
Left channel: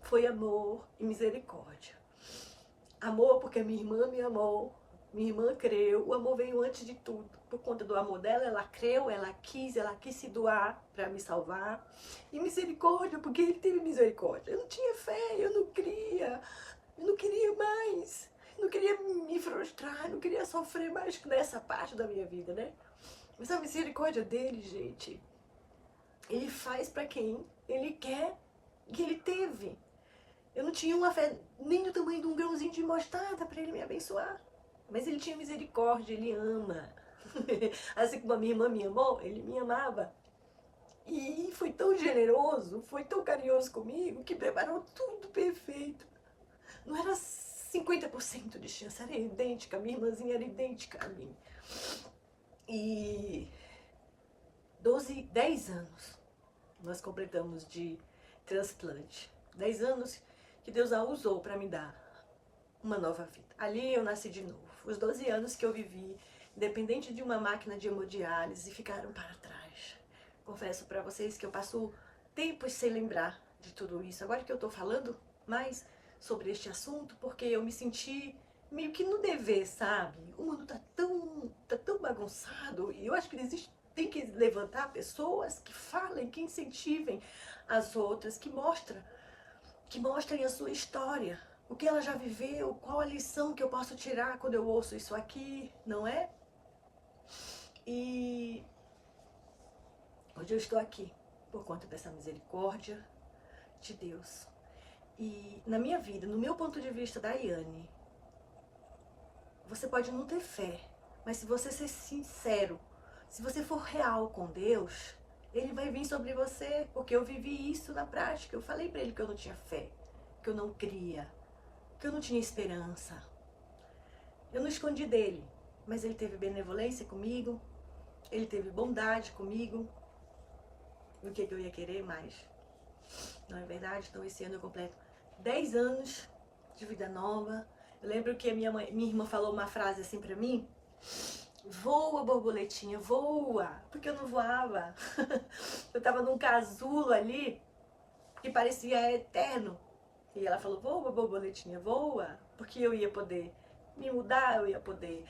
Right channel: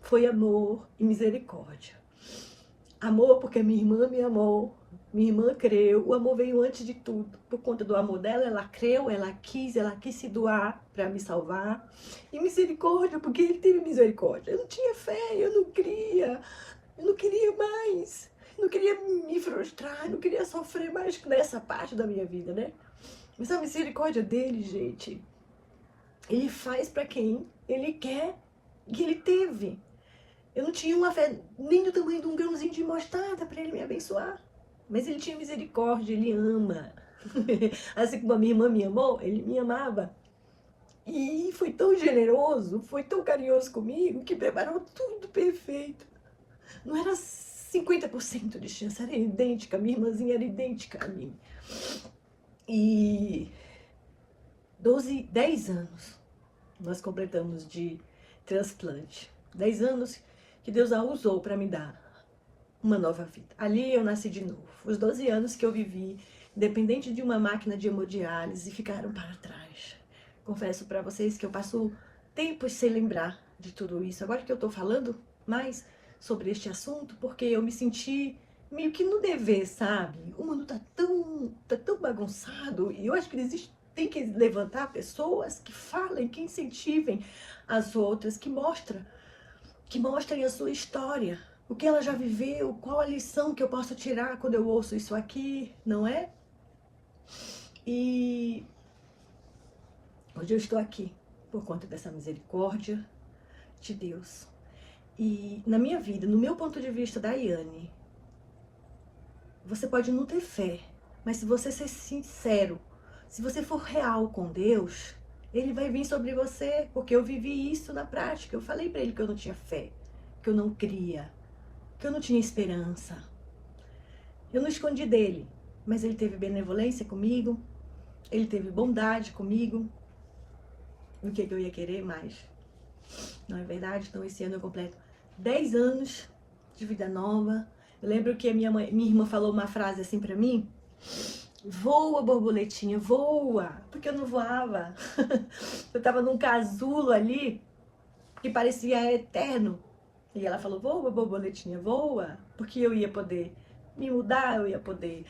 foi amor e misericórdia. Amor porque minha irmã me amou, minha irmã creu, o amor veio antes de tudo. Por conta do amor dela, ela creu, ela quis se doar para me salvar. E misericórdia, porque ele teve misericórdia. Eu não tinha fé, eu não queria mais. Não queria me frustrar, não queria sofrer mais nessa parte da minha vida, né? Mas a misericórdia dele, gente, ele faz para quem ele quer, que ele teve. Eu não tinha uma fé nem do tamanho de um grãozinho de mostarda para ele me abençoar. Mas ele tinha misericórdia, ele ama. Assim como a minha irmã me amou, ele me amava. E foi tão generoso, foi tão carinhoso comigo, que preparou tudo perfeito. Não era 50% de chance, era idêntica, minha irmãzinha era idêntica a mim. E 10 anos nós completamos de transplante. 10 anos que Deus a usou para me dar uma nova vida. Ali eu nasci de novo. Os 12 anos que eu vivi, dependente de uma máquina de hemodiálise, ficaram para trás. Confesso para vocês que eu passo tempos sem lembrar de tudo isso. Agora que eu estou falando mais sobre este assunto, porque eu me senti meio que no dever, sabe? O mundo tá tão bagunçado, e eu acho que tem que levantar pessoas que falem, que incentivem as outras, que mostrem a sua história, o que ela já viveu, qual a lição que eu posso tirar quando eu ouço isso aqui, não é? E hoje eu estou aqui por conta dessa misericórdia de Deus. E na minha vida, no meu ponto de vista da Iane, você pode não ter fé, mas se você ser sincero, se você for real com Deus, ele vai vir sobre você, porque eu vivi isso na prática. Eu falei para ele que eu não tinha fé, que eu não cria, que eu não tinha esperança. Eu não escondi dele, mas ele teve benevolência comigo, ele teve bondade comigo. O que eu ia querer mais? Não é verdade? Então esse ano eu completo 10 anos de vida nova. Eu lembro que a minha irmã falou uma frase assim pra mim: voa, borboletinha, voa, porque eu não voava. Eu tava num casulo ali que parecia eterno. E ela falou: voa, borboletinha, voa, porque eu ia poder me mudar, eu ia poder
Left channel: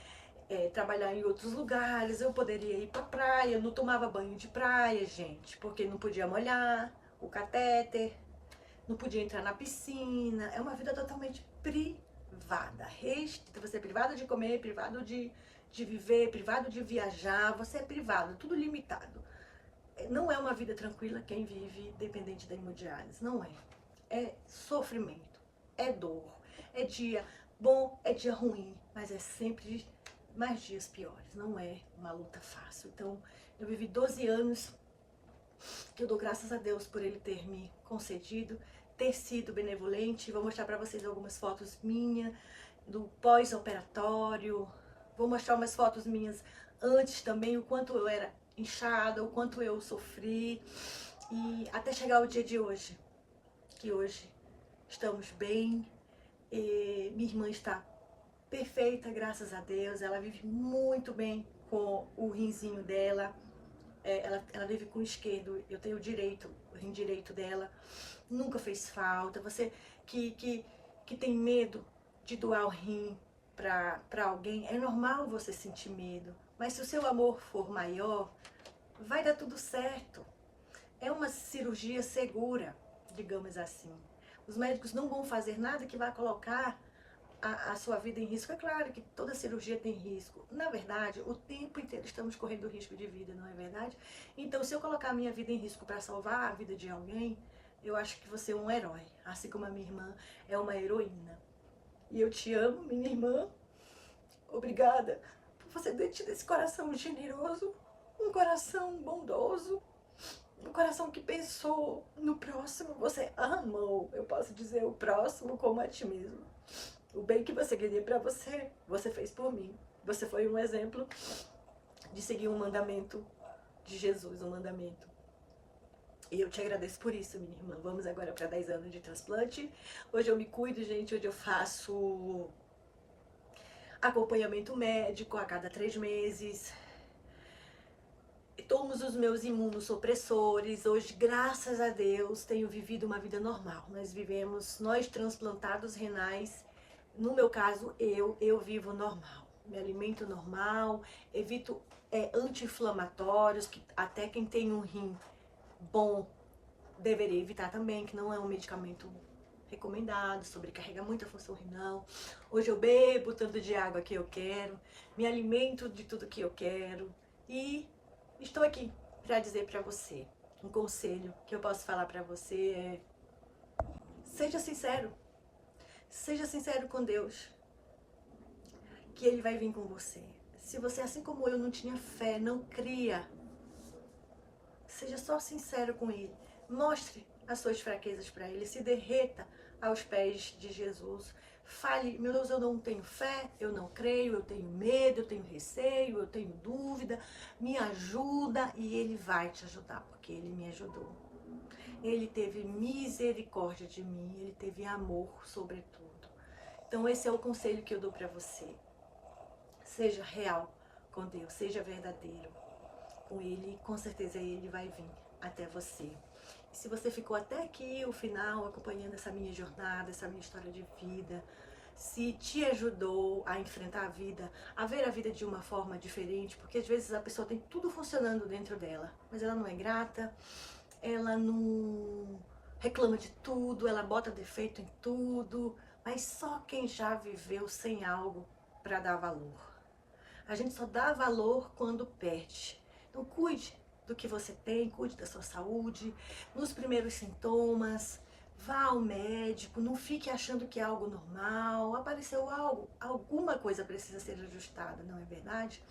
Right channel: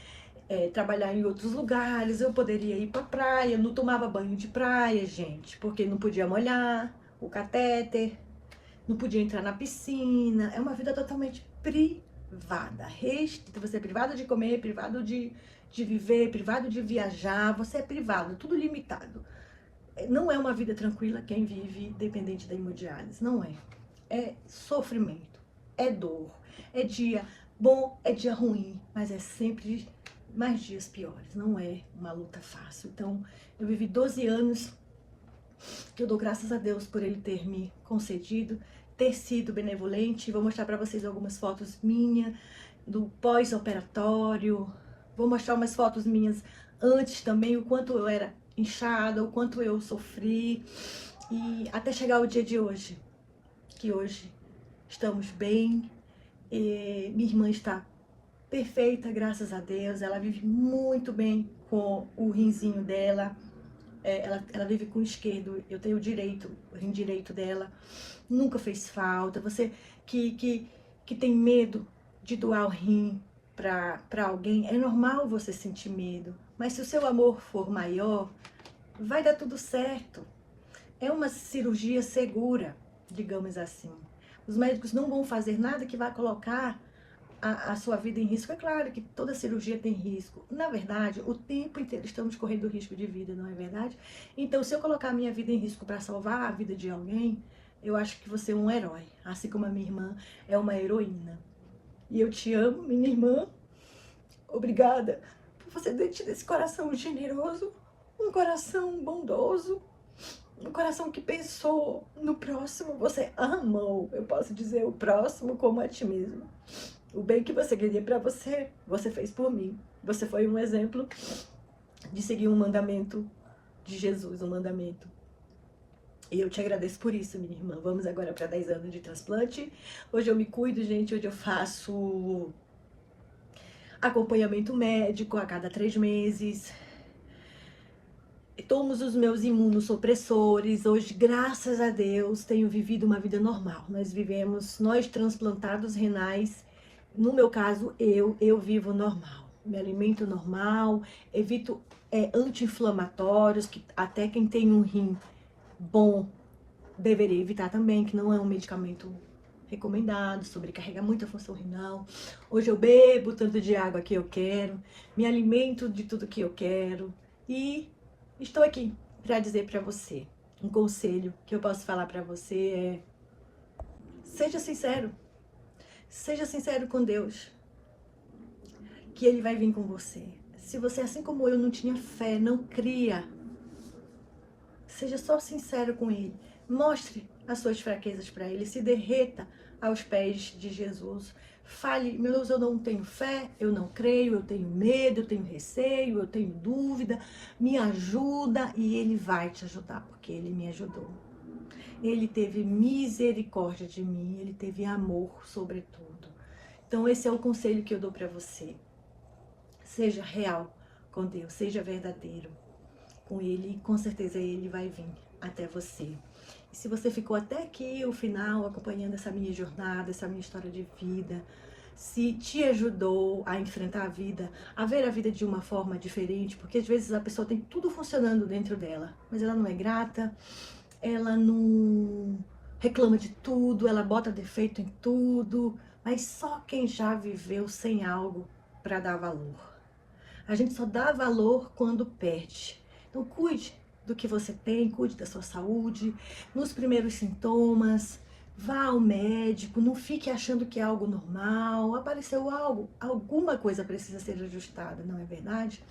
trabalhar em outros lugares, eu poderia ir pra praia. Eu não tomava banho de praia, gente, porque não podia molhar o catéter, não podia entrar na piscina. É uma vida totalmente privada, você é privado de comer, privado de viver, privado de viajar, você é privado, tudo limitado. Não é uma vida tranquila quem vive dependente da hemodiálise, não é. É sofrimento, é dor, é dia bom, é dia ruim, mas é sempre mais dias piores, não é uma luta fácil. Então, eu vivi 12 anos, que eu dou graças a Deus por ele ter me concedido, ter sido benevolente. Vou mostrar para vocês algumas fotos minhas do pós-operatório. Vou mostrar umas fotos minhas antes também, o quanto eu era inchada, o quanto eu sofri. E até chegar o dia de hoje, que hoje estamos bem. E minha irmã está perfeita, graças a Deus. Ela vive muito bem com o rinzinho dela. Ela vive com o esquerdo, eu tenho o direito, o rim direito dela. Nunca fez falta. Você que tem medo de doar o rim para alguém, é normal você sentir medo. Mas se o seu amor for maior, vai dar tudo certo. É uma cirurgia segura, digamos assim. Os médicos não vão fazer nada que vai colocar a sua vida em risco. É claro que toda cirurgia tem risco. Na verdade, o tempo inteiro estamos correndo risco de vida, não é verdade? Então, se eu colocar a minha vida em risco para salvar a vida de alguém, eu acho que você é um herói, assim como a minha irmã é uma heroína. E eu te amo, minha irmã. Obrigada por você ter tido esse coração generoso, um coração bondoso, um coração que pensou no próximo. Você amou, eu posso dizer, o próximo como a ti mesmo. O bem que você queria para você, você fez por mim. Você foi um exemplo de seguir um mandamento de Jesus, um mandamento. E eu te agradeço por isso, minha irmã. Vamos agora para 10 anos de transplante. Hoje eu me cuido, gente. Hoje eu faço acompanhamento médico a cada 3 meses. Tomo os meus imunossupressores. Hoje, graças a Deus, tenho vivido uma vida normal. Nós transplantados renais, no meu caso, eu vivo normal. Me alimento normal, evito anti-inflamatórios, que até quem tem um rim bom deveria evitar também, que não é um medicamento recomendado, sobrecarrega muito a função renal. Hoje eu bebo tanto de água que eu quero, me alimento de tudo que eu quero e estou aqui para dizer para você, um conselho que eu posso falar para você é: seja sincero com Deus, que Ele vai vir com você. Se você, assim como eu, não tinha fé, não cria, seja só sincero com Ele. Mostre as suas fraquezas para Ele, se derreta aos pés de Jesus. Fale: meu Deus, eu não tenho fé, eu não creio, eu tenho medo, eu tenho receio, eu tenho dúvida, me ajuda. E Ele vai te ajudar, porque Ele me ajudou. Ele teve misericórdia de mim, Ele teve amor sobretudo. Então esse é o conselho que eu dou para você. Seja real com Deus, seja verdadeiro com Ele, e com certeza Ele vai vir até você. E se você ficou até aqui, o final, acompanhando essa minha jornada, essa minha história de vida, se te ajudou a enfrentar a vida, a ver a vida de uma forma diferente, porque às vezes a pessoa tem tudo funcionando dentro dela, mas ela não é grata, ela não reclama de tudo, ela bota defeito em tudo, mas só quem já viveu sem algo para dar valor. A gente só dá valor quando perde. Então cuide do que você tem, cuide da sua saúde, nos primeiros sintomas, vá ao médico, não fique achando que é algo normal, apareceu algo, alguma coisa precisa ser ajustada, não é verdade?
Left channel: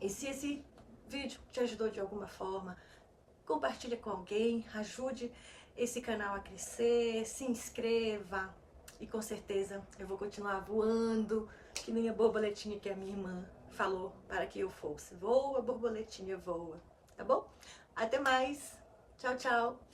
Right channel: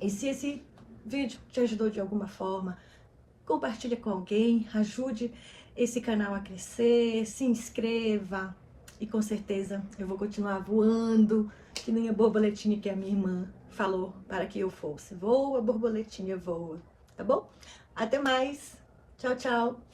E se esse vídeo te ajudou de alguma forma, compartilhe com alguém, ajude esse canal a crescer, se inscreva e com certeza eu vou continuar voando, que nem a borboletinha que a minha irmã falou para que eu fosse. Voa, borboletinha, voa, tá bom? Até mais, tchau, tchau!